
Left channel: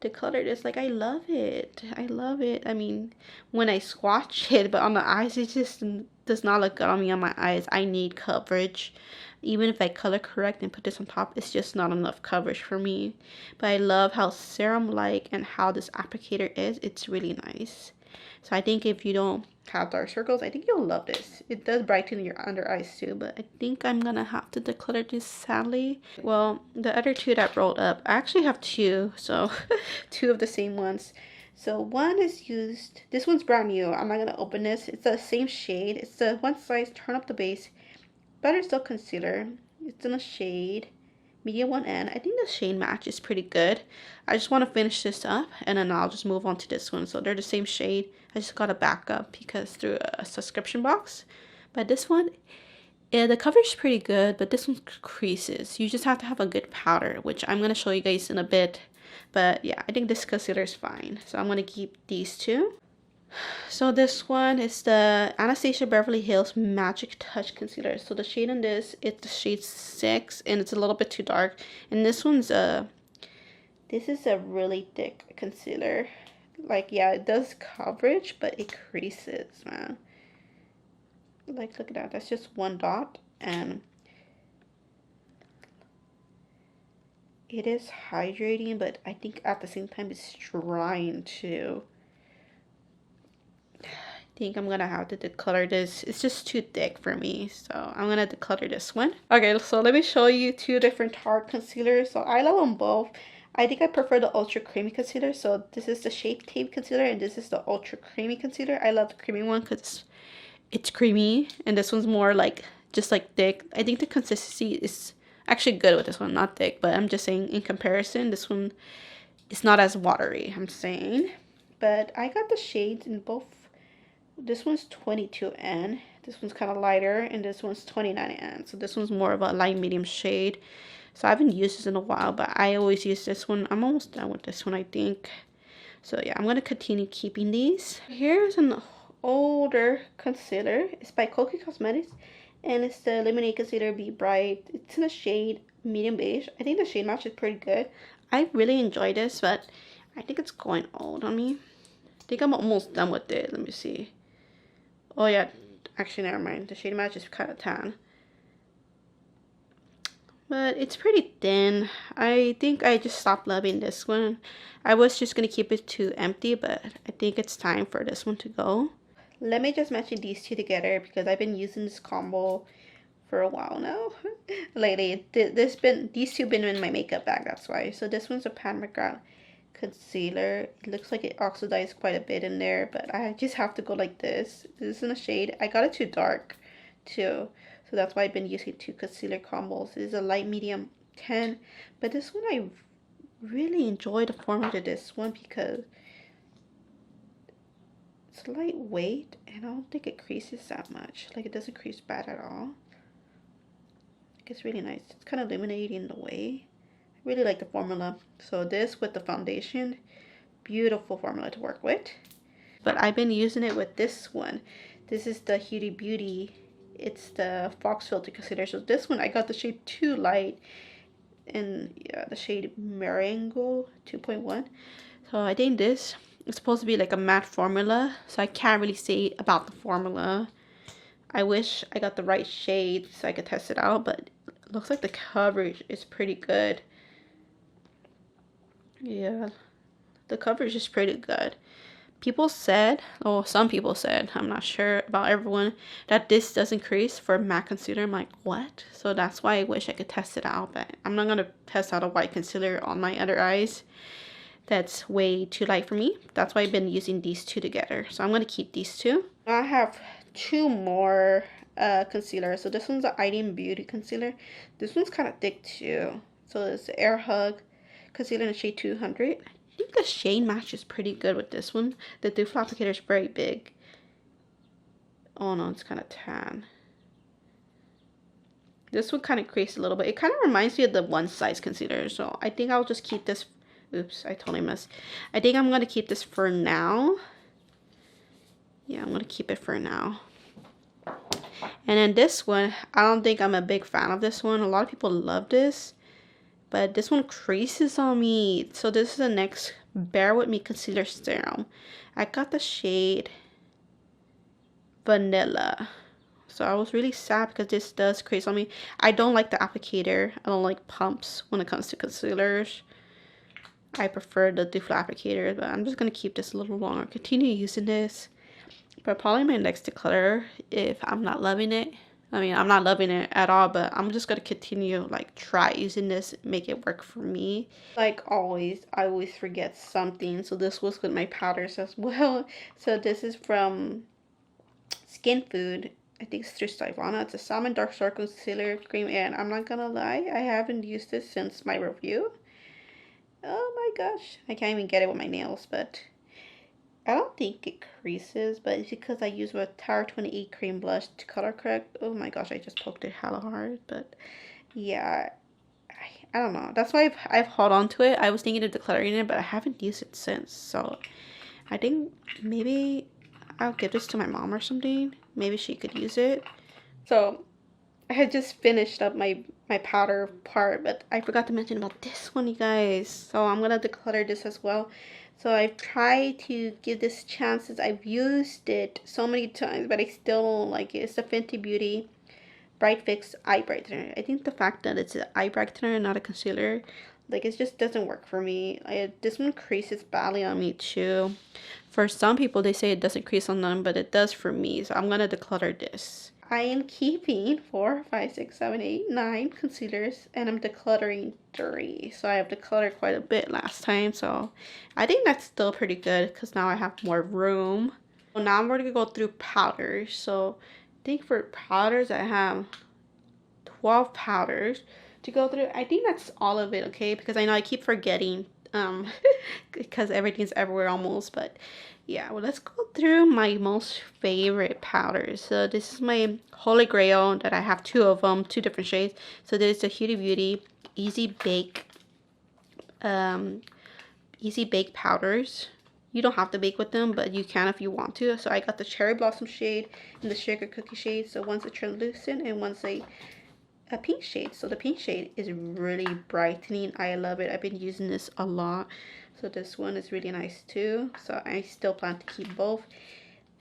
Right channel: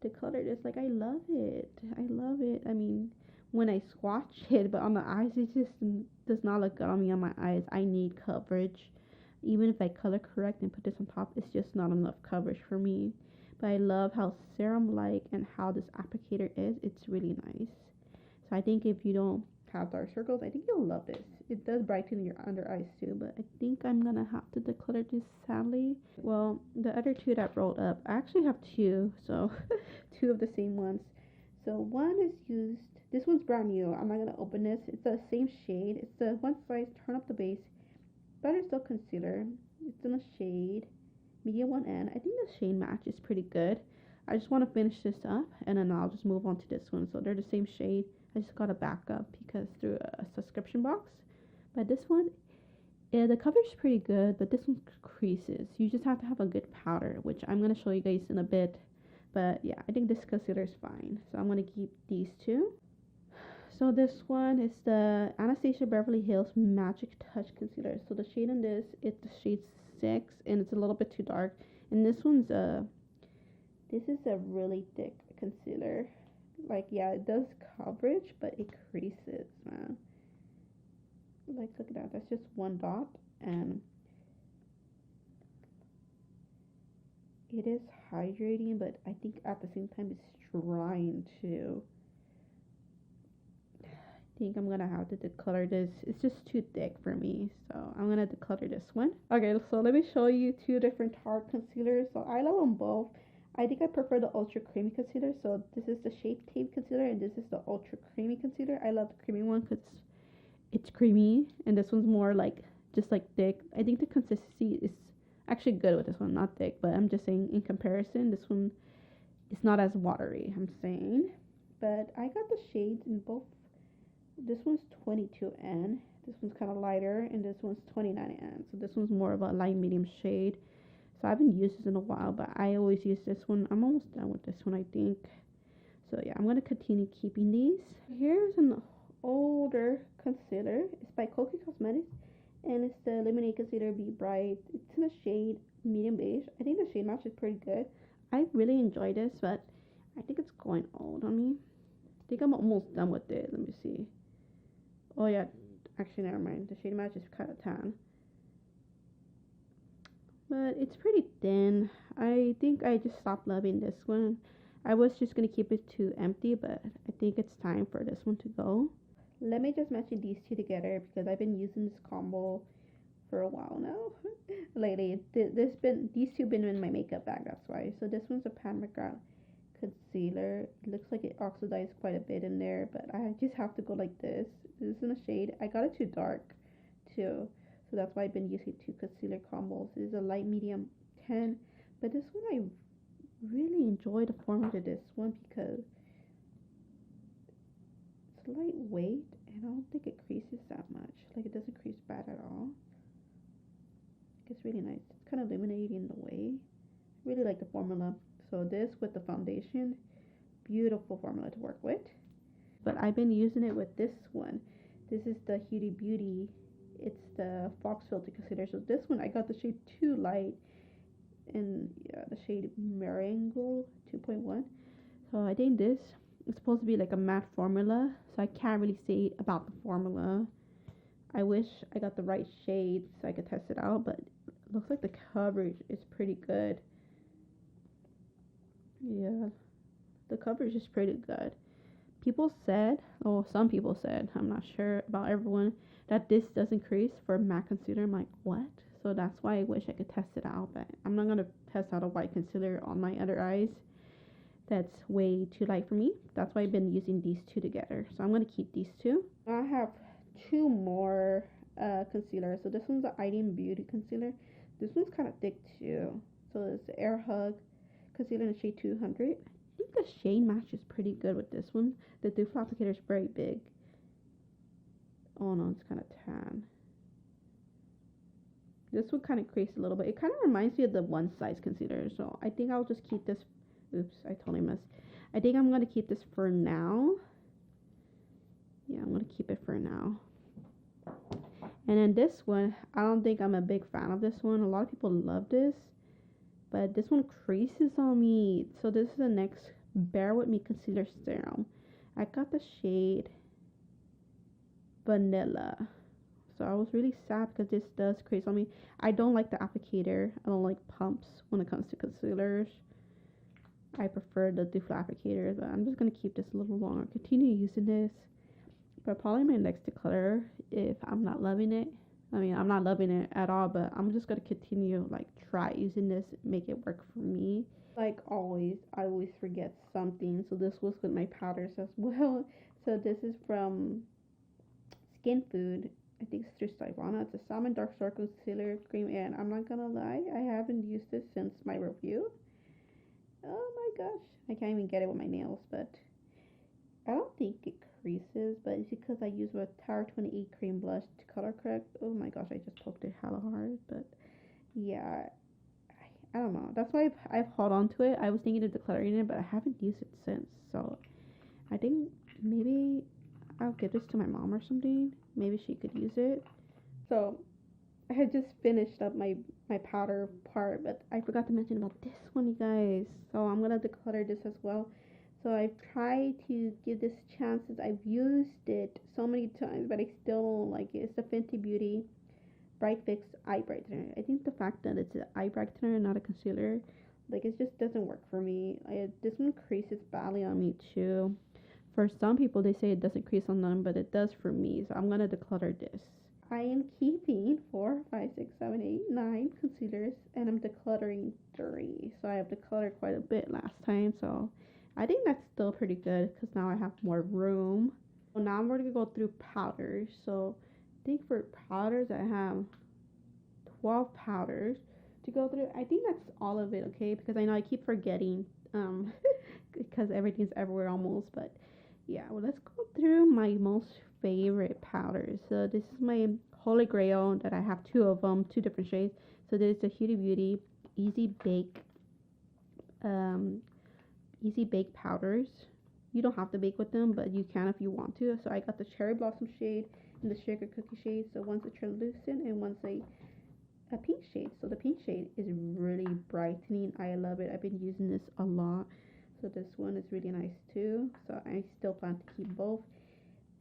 declutter this. Like, I love it. I love it. I mean, when I swatch it, but on the eyes, it just does not look good on me on my eyes. I need coverage. Even if I color correct and put this on top, it's just not enough coverage for me. But I love how serum-like and how this applicator is. It's really nice. So I think if you don't have dark circles, I think you'll love this. It does brighten your under eyes too, but I think I'm gonna have to declutter this, sadly. Well, the other two that rolled up, I actually have two, so two of the same ones. So one is used, this one's brand new. I'm not gonna open this. It's the same shade. It's the one size, turn up the base. Better Still Concealer. It's in a shade medium 1N. I think the shade match is pretty good. I just want to finish this up and then I'll just move on to this one. So they're the same shade. I just got a backup because through a subscription box. But this one, yeah, the coverage is pretty good, but this one creases. You just have to have a good powder, which I'm going to show you guys in a bit. But yeah, I think this concealer is fine. So I'm going to keep these two. So this one is the Anastasia Beverly Hills Magic Touch Concealer. So the shade in this, it's the shade 6 and it's a little bit too dark. And this one's this is a really thick concealer. Like, yeah, it does coverage, but it creases, man. Like, look at that. That's just one dot and it is hydrating, but I think at the same time it's drying too. I think I'm gonna have to declutter this. It's just too thick for me, so I'm gonna declutter this one. Okay, so let me show you two different Tarte concealers. So I love them both. I think I prefer the ultra creamy concealer. So this is the Shape Tape concealer and this is the ultra creamy concealer. I love the creamy one because it's creamy and this one's more like just like thick. I think the consistency is actually good with this one, not thick, but I'm just saying in comparison, this one is not as watery, I'm saying. But I got the shades in both. This one's 22N. This one's kind of lighter, and this one's 29N. So this one's more of a light medium shade. So I haven't used this in a while, but I always use this one. I'm almost done with this one, I think. So yeah, I'm going to continue keeping these. Here's an older concealer. It's by Kokie Cosmetics, and it's the Lemonade Concealer Be Bright. It's in a shade medium beige. I think the shade match is pretty good. I really enjoy this, but I think it's going old on me. I think I'm almost done with it. Let me see. Oh yeah, actually never mind. The shade match is kind of tan. But it's pretty thin. I think I just stopped loving this one. I was just going to keep it to empty, but I think it's time for this one to go. Let me just mention these two together because I've been using this combo for a while now. Lately, these two been in my makeup bag, that's why. So this one's a Pat McGrath concealer. It looks like it oxidized quite a bit in there, but I just have to go like this. This is in a shade. I got it too dark too, so that's why I've been using two concealer combos. This is a light medium 10, but this one I really enjoy the formula of this one because it's lightweight and I don't think it creases that much. Like, it doesn't crease bad at all. It's really nice. It's kind of illuminating the way. I really like the formula. So this with the foundation, beautiful formula to work with. But I've been using it with this one. This is the Huda Beauty. It's the Fox Filter Concealer. So this one I got the shade Too Light and yeah, the shade Marengo 2.1. So I think this is supposed to be like a matte formula. So I can't really say about the formula. I wish I got the right shade so I could test it out, but it looks like the coverage is pretty good. Yeah, the coverage is pretty good. people said, or some people said, I'm not sure about everyone, that this doesn't crease for matte concealer. I'm like, what? So that's why I wish I could test it out, but I'm not gonna test out a white concealer on my other eyes. That's way too light for me. That's why I've been using these two together. So I'm gonna keep these two. I have two more concealers. So this one's the Ideal Beauty concealer. This one's kind of thick too. So it's the Air Hug concealer in the shade 200. I think the shade match is pretty good with this one. The doe foot applicator is very big. Oh no, it's kind of tan. This one kind of creases a little bit. It kind of reminds me of the One Size concealer. So I think I'll just keep this. Oops, I totally missed. I think I'm going to keep this for now. Yeah, I'm going to keep it for now. And then this one, I don't think I'm a big fan of this one. A lot of people love this. But this one creases on me. So this is the NYX Bare With Me Concealer Serum. I got the shade Vanilla. So I was really sad because this does crease on me. I don't like the applicator. I don't like pumps when it comes to concealers. I prefer the doe foot applicator, but I'm just going to keep this a little longer. Continue using this. But probably my next declutter, if I'm not loving it. I mean, I'm not loving it at all, but I'm just going to continue, like, try using this, make it work for me. Like always, I always forget something. So this was with my powders as well. So this is from Skin Food. I think it's through Stivana. It's a Salmon Dark Circle Concealer Cream. And I'm not going to lie, I haven't used this since my review. Oh my gosh, I can't even get it with my nails, but I don't think it creases, but it's because I use a Tower 28 cream blush to color correct. Oh my gosh, I just poked it hella hard, but yeah, I don't know. That's why I've held on to it. I was thinking of decluttering it, but I haven't used it since, so I think maybe I'll give this to my mom or something. Maybe she could use it. So I had just finished up my powder part, but I forgot to mention about this one, you guys. So I'm gonna declutter this as well. So I've tried to give this chances. I've used it so many times, but I still don't like it. It's the Fenty Beauty Bright Fix Eye Brightener. I think the fact that it's an eye brightener and not a concealer, like, it just doesn't work for me. This one creases badly on me too. For some people, they say it doesn't crease on them, but it does for me. So I'm gonna declutter this. I am keeping 4, 5, 6, 7, 8, 9 concealers, and I'm decluttering 3. So I have decluttered quite a bit last time, so I think that's still pretty good because now I have more room. So now I'm going to go through powders. So I think for powders, I have 12 powders to go through. I think that's all of it, okay? Because I know I keep forgetting because everything's everywhere almost, but yeah, well, let's go through my most favorite powders. So this is my Holy Grail that I have 2 of them, 2 different shades. So there's the Huda Beauty Easy Bake powders. You don't have to bake with them, but you can if you want to. So I got the Cherry Blossom shade and the Sugar Cookie shade. So one's a translucent and one's a pink shade. So the pink shade is really brightening. I love it. I've been using this a lot. So this one is really nice too. So I still plan to keep both.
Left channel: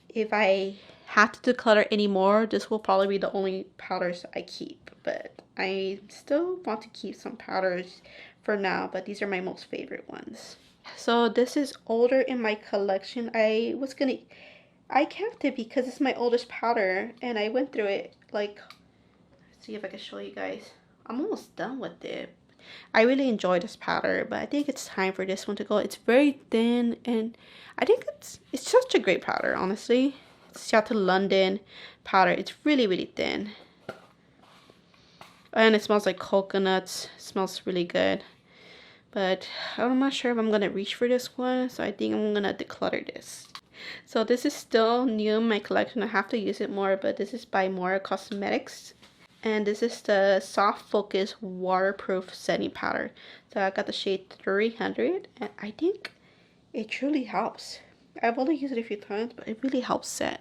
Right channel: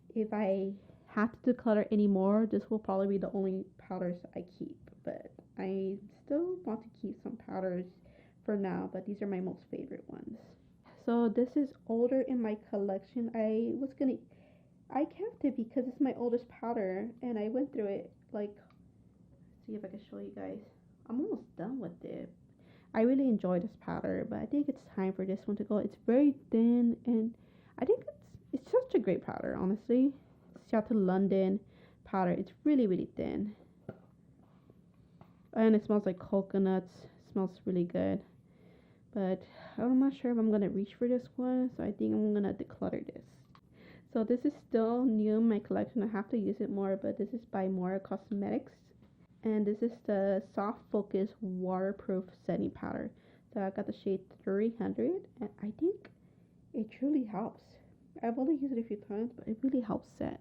If I have to declutter anymore, this will probably be the only powders I keep. But I still want to keep some powders for now. But these are my most favorite ones. So this is older in my collection. I kept it because it's my oldest powder. And I went through it, like, let's see if I can show you guys. I'm almost done with it. I really enjoy this powder, but I think it's time for this one to go. It's very thin, and I think it's such a great powder, honestly. It's Chateau London powder. It's really, really thin. And it smells like coconuts. It smells really good. But I'm not sure if I'm going to reach for this one, so I think I'm going to declutter this. So this is still new in my collection. I have to use it more, but this is by Mora Cosmetics. And this is the Soft Focus Waterproof Setting Powder. So I got the shade 300, and I think it truly helps. I've only used it a few times, but it really helps set.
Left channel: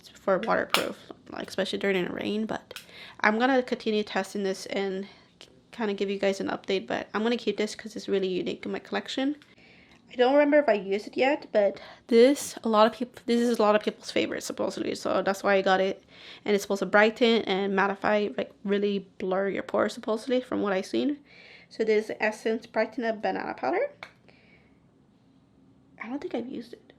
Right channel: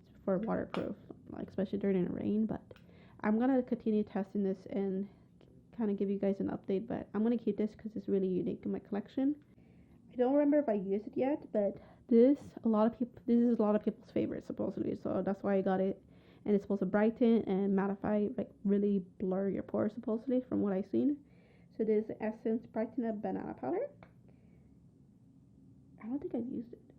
It's for waterproof, like especially during the rain. But I'm going to continue testing this and kind of give you guys an update. But I'm going to keep this because it's really unique in my collection. I don't remember if I used it yet, but this is a lot of people's favorite supposedly. So that's why I got it. And it's supposed to brighten and mattify, like really blur your pores supposedly from what I've seen. So this is Essence Brighten Up Banana Powder. I don't think I've used it.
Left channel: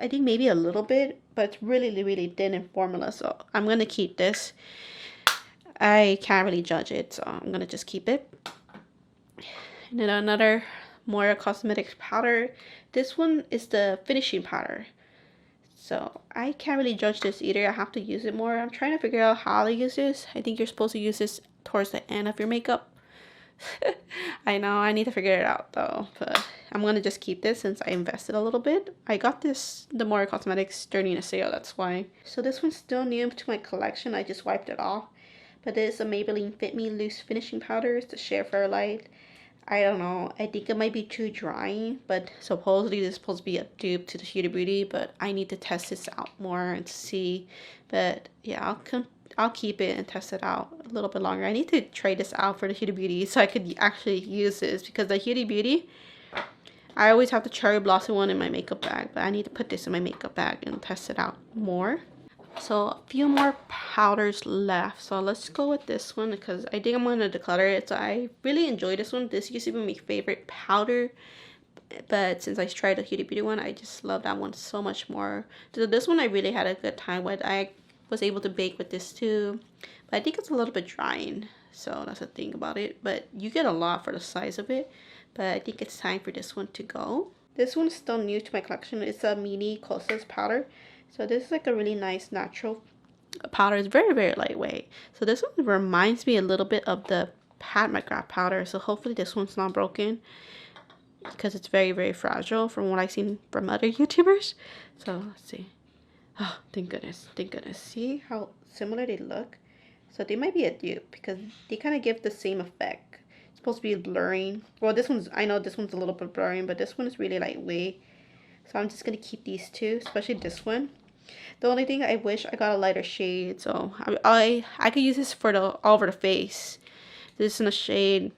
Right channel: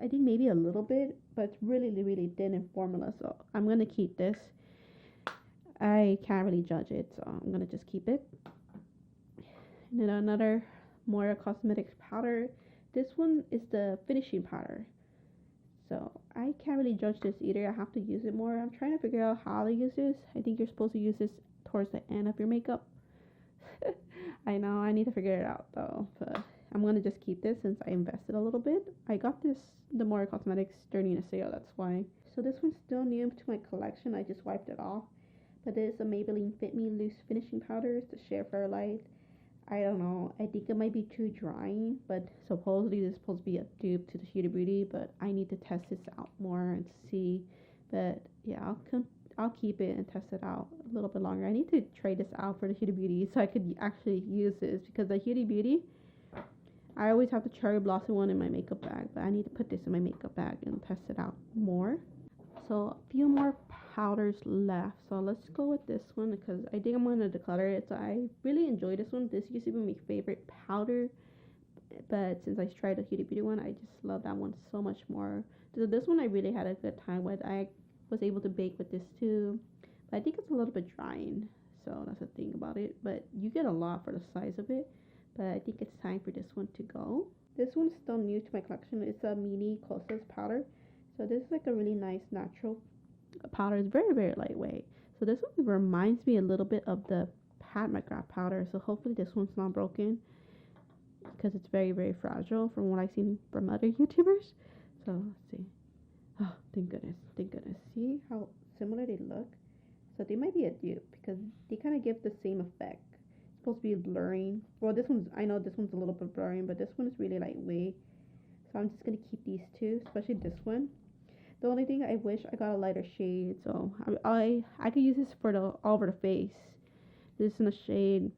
I think maybe a little bit, but it's really, really thin in formula. So I'm going to keep this. I can't really judge it, so I'm going to just keep it. And then another more cosmetics powder. This one is the finishing powder. So I can't really judge this either. I have to use it more. I'm trying to figure out how to use this. I think you're supposed to use this towards the end of your makeup. I know, I need to figure it out though. But I'm going to just keep this since I invested a little bit. I got this, the More Cosmetics, during a sale, that's why. So this one's still new to my collection. I just wiped it off. But this is a Maybelline Fit Me Loose Finishing Powder. It's the Sheer Fairlight. I don't know. I think it might be too dry, but supposedly this is supposed to be a dupe to the Huda Beauty, but I need to test this out more and see. But yeah, I'll keep it and test it out a little bit longer. I need to try this out for the Huda Beauty so I could actually use this, because the Huda Beauty, I always have the Cherry Blossom one in my makeup bag, but I need to put this in my makeup bag and test it out more. So a few more powders left. So let's go with this one because I think I'm going to declutter it. So I really enjoy this one. This used to be my favorite powder, but since I tried the Huda Beauty one, I just love that one so much more. So this one I really had a good time with. I was able to bake with this too, but I think it's a little bit drying. So that's the thing about it. But you get a lot for the size of it. But I think it's time for this one to go. This one's still new to my collection. It's a mini Kosas powder. So this is like a really nice natural powder. It's very, very lightweight. So this one reminds me a little bit of the Pat McGrath powder. So hopefully this one's not broken, because it's very, very fragile from what I've seen from other YouTubers. So let's see. Oh, thank goodness. Thank goodness. See how similar they look? So they might be a dupe because they kind of give the same effect. It's supposed to be blurring. Well, this one's, I know this one's a little bit blurring, but this one is really lightweight. So I'm just going to keep these two, especially this one. The only thing I wish I got a lighter shade, so I could use this for the all over the face. This is in a shade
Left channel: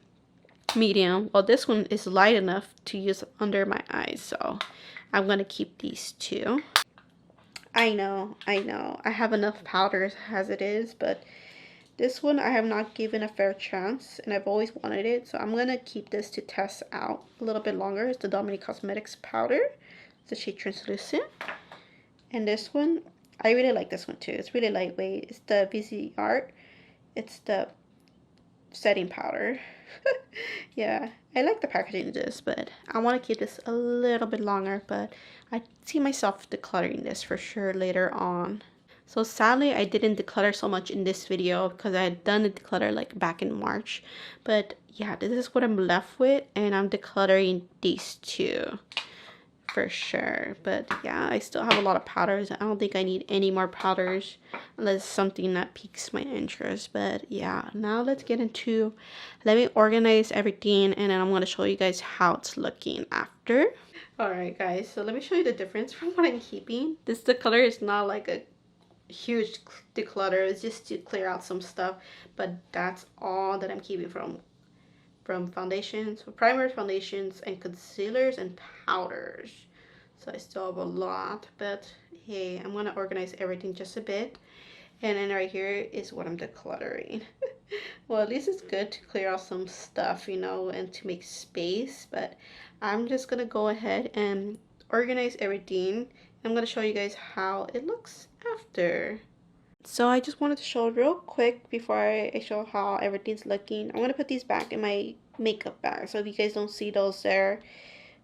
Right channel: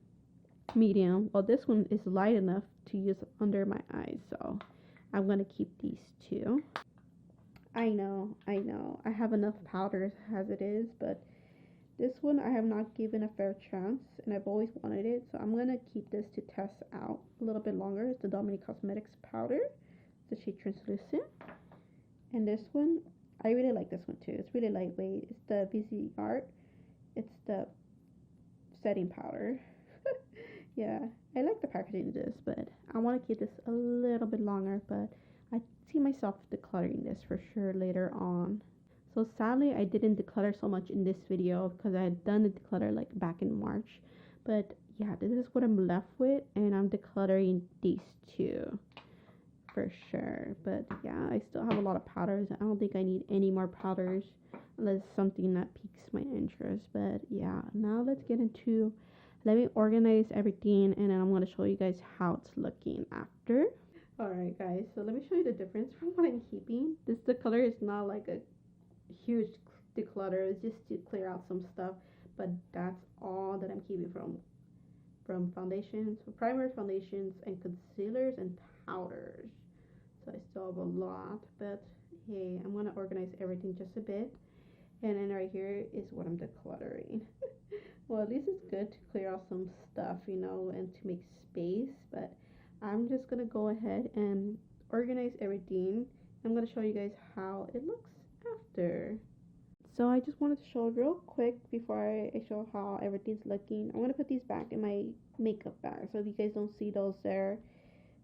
medium. Well, this one is light enough to use under my eyes, so I'm gonna keep these two. I know, I have enough powders as it is, but this one I have not given a fair chance, and I've always wanted it, so I'm gonna keep this to test out a little bit longer. It's the Dominique Cosmetics powder. It's the shade Translucent. And this one, I really like this one too. It's really lightweight. It's the VC Art. It's the setting powder. Yeah, I like the packaging of this, but I want to keep this a little bit longer. But I see myself decluttering this for sure later on. So sadly, I didn't declutter so much in this video because I had done the declutter like back in March. But yeah, this is what I'm left with, and I'm decluttering these two for sure. But yeah, I still have a lot of powders. I don't think I need any more powders unless something that piques my interest. But yeah, now let's get into, let me organize everything, and then I'm going to show you guys how it's looking after. Alright guys, so let me show you the difference from what I'm keeping. This declutter is not like a huge declutter. It's just to clear out some stuff, but that's all that I'm keeping from foundations, so primers, foundations, and concealers and powders. So I still have a lot, but hey, I'm gonna organize everything just a bit. And then right here is what I'm decluttering. Well, at least it's good to clear out some stuff, you know, and to make space. But I'm just gonna go ahead and organize everything. I'm gonna show you guys how it looks after. So I just wanted to show real quick before I show how everything's looking. I'm going to put these back in my makeup bag. So if you guys don't see those there,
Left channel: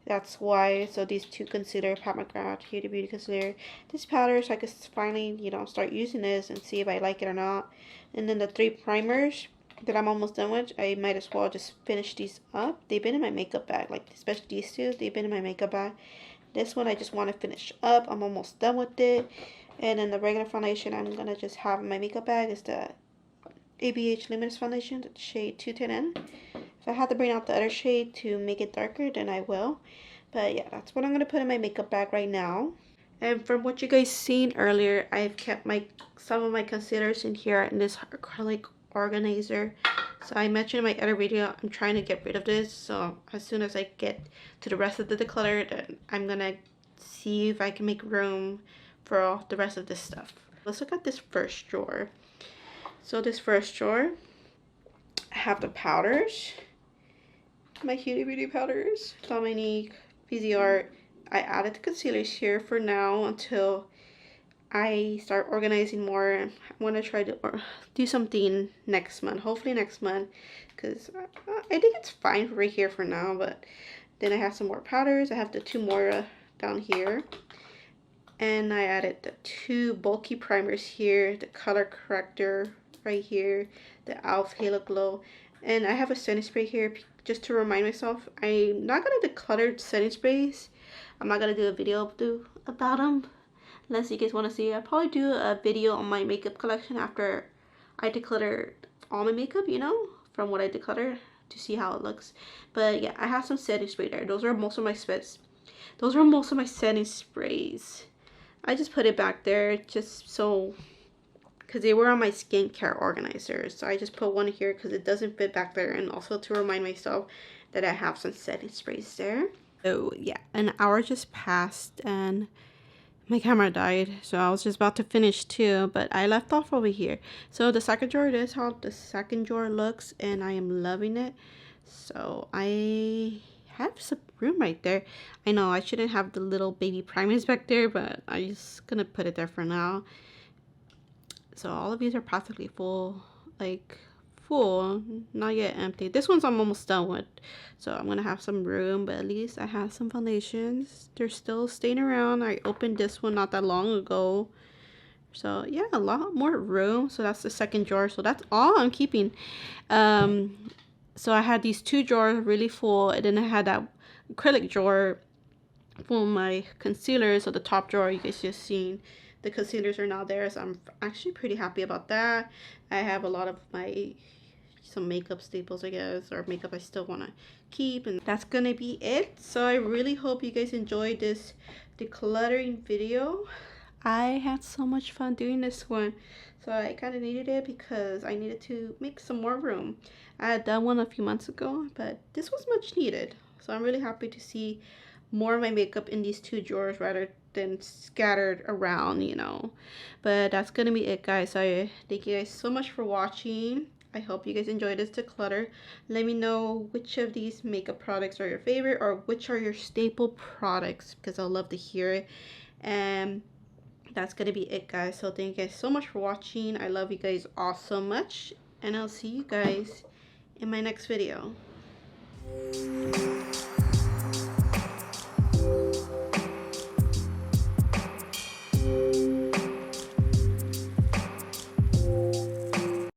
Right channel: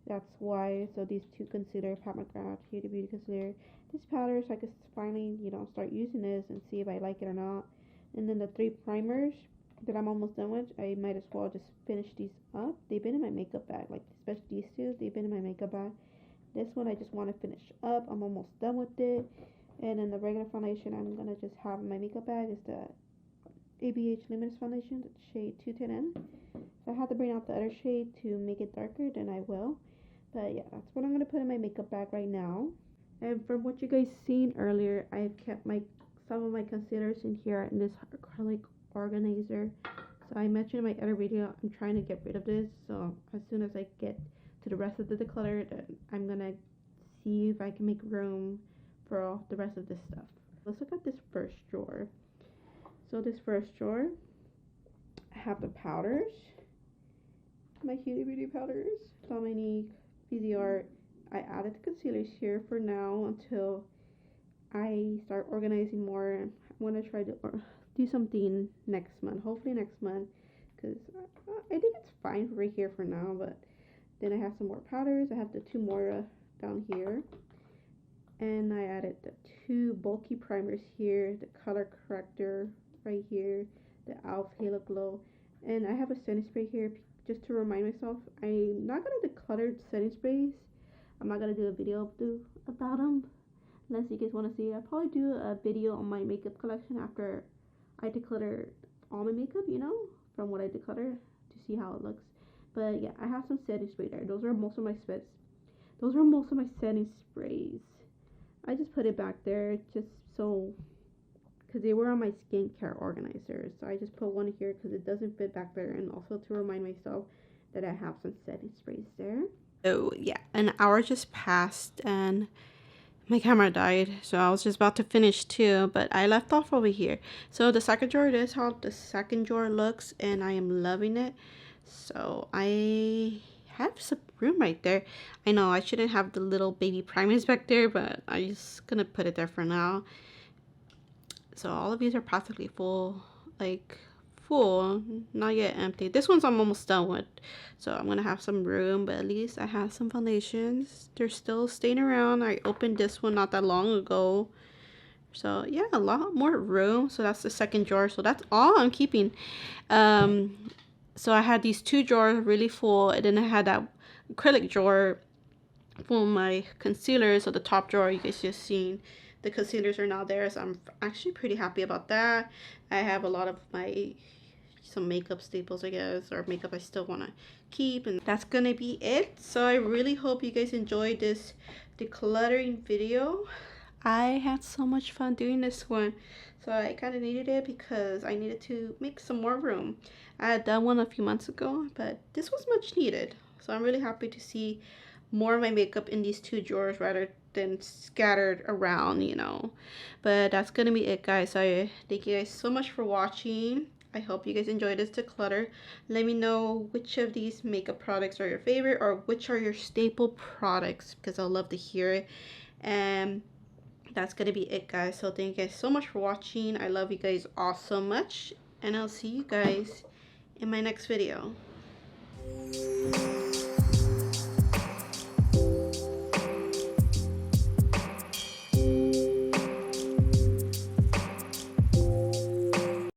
that's why. So these two concealer, Pat McGrath Huda Beauty concealer. This powder, so I can finally, you know, start using this and see if I like it or not. And then the 3 primers that I'm almost done with, I might as well just finish these up. They've been in my makeup bag, like especially these two, they've been in my makeup bag. This one I just want to finish up. I'm almost done with it. And then the regular foundation I'm going to just have in my makeup bag is the ABH Luminous Foundation, the shade 210N. If I have to bring out the other shade to make it darker, then I will. But yeah, that's what I'm going to put in my makeup bag right now. And from what you guys seen earlier, I've kept some of my concealers in here in this acrylic organizer. So I mentioned in my other video, I'm trying to get rid of this. So as soon as I get to the rest of the declutter, then I'm going to see if I can make room for all the rest of this stuff. Let's look at this first drawer. So this first drawer, I have the powders, my Huda Beauty powders, Dominique, VZ Art, I added the concealers here for now until I start organizing more. I want to try to do something next month, hopefully next month, because I think it's fine right here for now. But then I have some more powders. I have the 2 more down here, and I added the 2 bulky primers here, the color corrector right here, the e.l.f. Halo Glow, and I have a setting spray here just to remind myself. I'm not gonna declutter setting sprays. I'm not gonna do a video about them unless you guys want to see. I'll probably do a video on my makeup collection after I declutter all my makeup, you know, from what I declutter, to see how it looks. But yeah, I have some setting spray there. Those are most of my setting sprays. I just put it back there just so, because they were on my skincare organizer. So I just put one here because it doesn't fit back there, and also to remind myself that I have some setting sprays there. So yeah, an hour just passed and my camera died, so I was just about to finish too, but I left off over here. So the second drawer, this is how the second drawer looks, and I am loving it. So I have some room right there. I know I shouldn't have the little baby primers back there, but I'm just gonna put it there for now. So all of these are practically full, like full, not yet empty. This one's I'm almost done with, so I'm gonna have some room, but at least I have some foundations. They're still staying around. I opened this one not that long ago, so yeah, a lot more room. So that's the second drawer, so that's all I'm keeping. So I had these 2 drawers really full, and then I had that acrylic drawer for my concealer. So the top drawer, you guys just seen, the concealers are now there, so I'm actually pretty happy about that. I have a lot of some makeup staples, I guess, or makeup I still want to keep, and that's gonna be it. So I really hope you guys enjoyed this decluttering video. I had so much fun doing this one, so I kind of needed it because I needed to make some more room. I had done one a few months ago, but this was much needed, so I'm really happy to see more of my makeup in these 2 drawers rather than scattered around, you know. But that's gonna be it, guys. So thank you guys so much for watching. I hope you guys enjoyed this declutter. Let me know which of these makeup products are your favorite, or which are your staple products, because I'll love to hear it. And that's gonna be it, guys. So thank you guys so much for watching. I love you guys all so much, and I'll see you guys in my next video.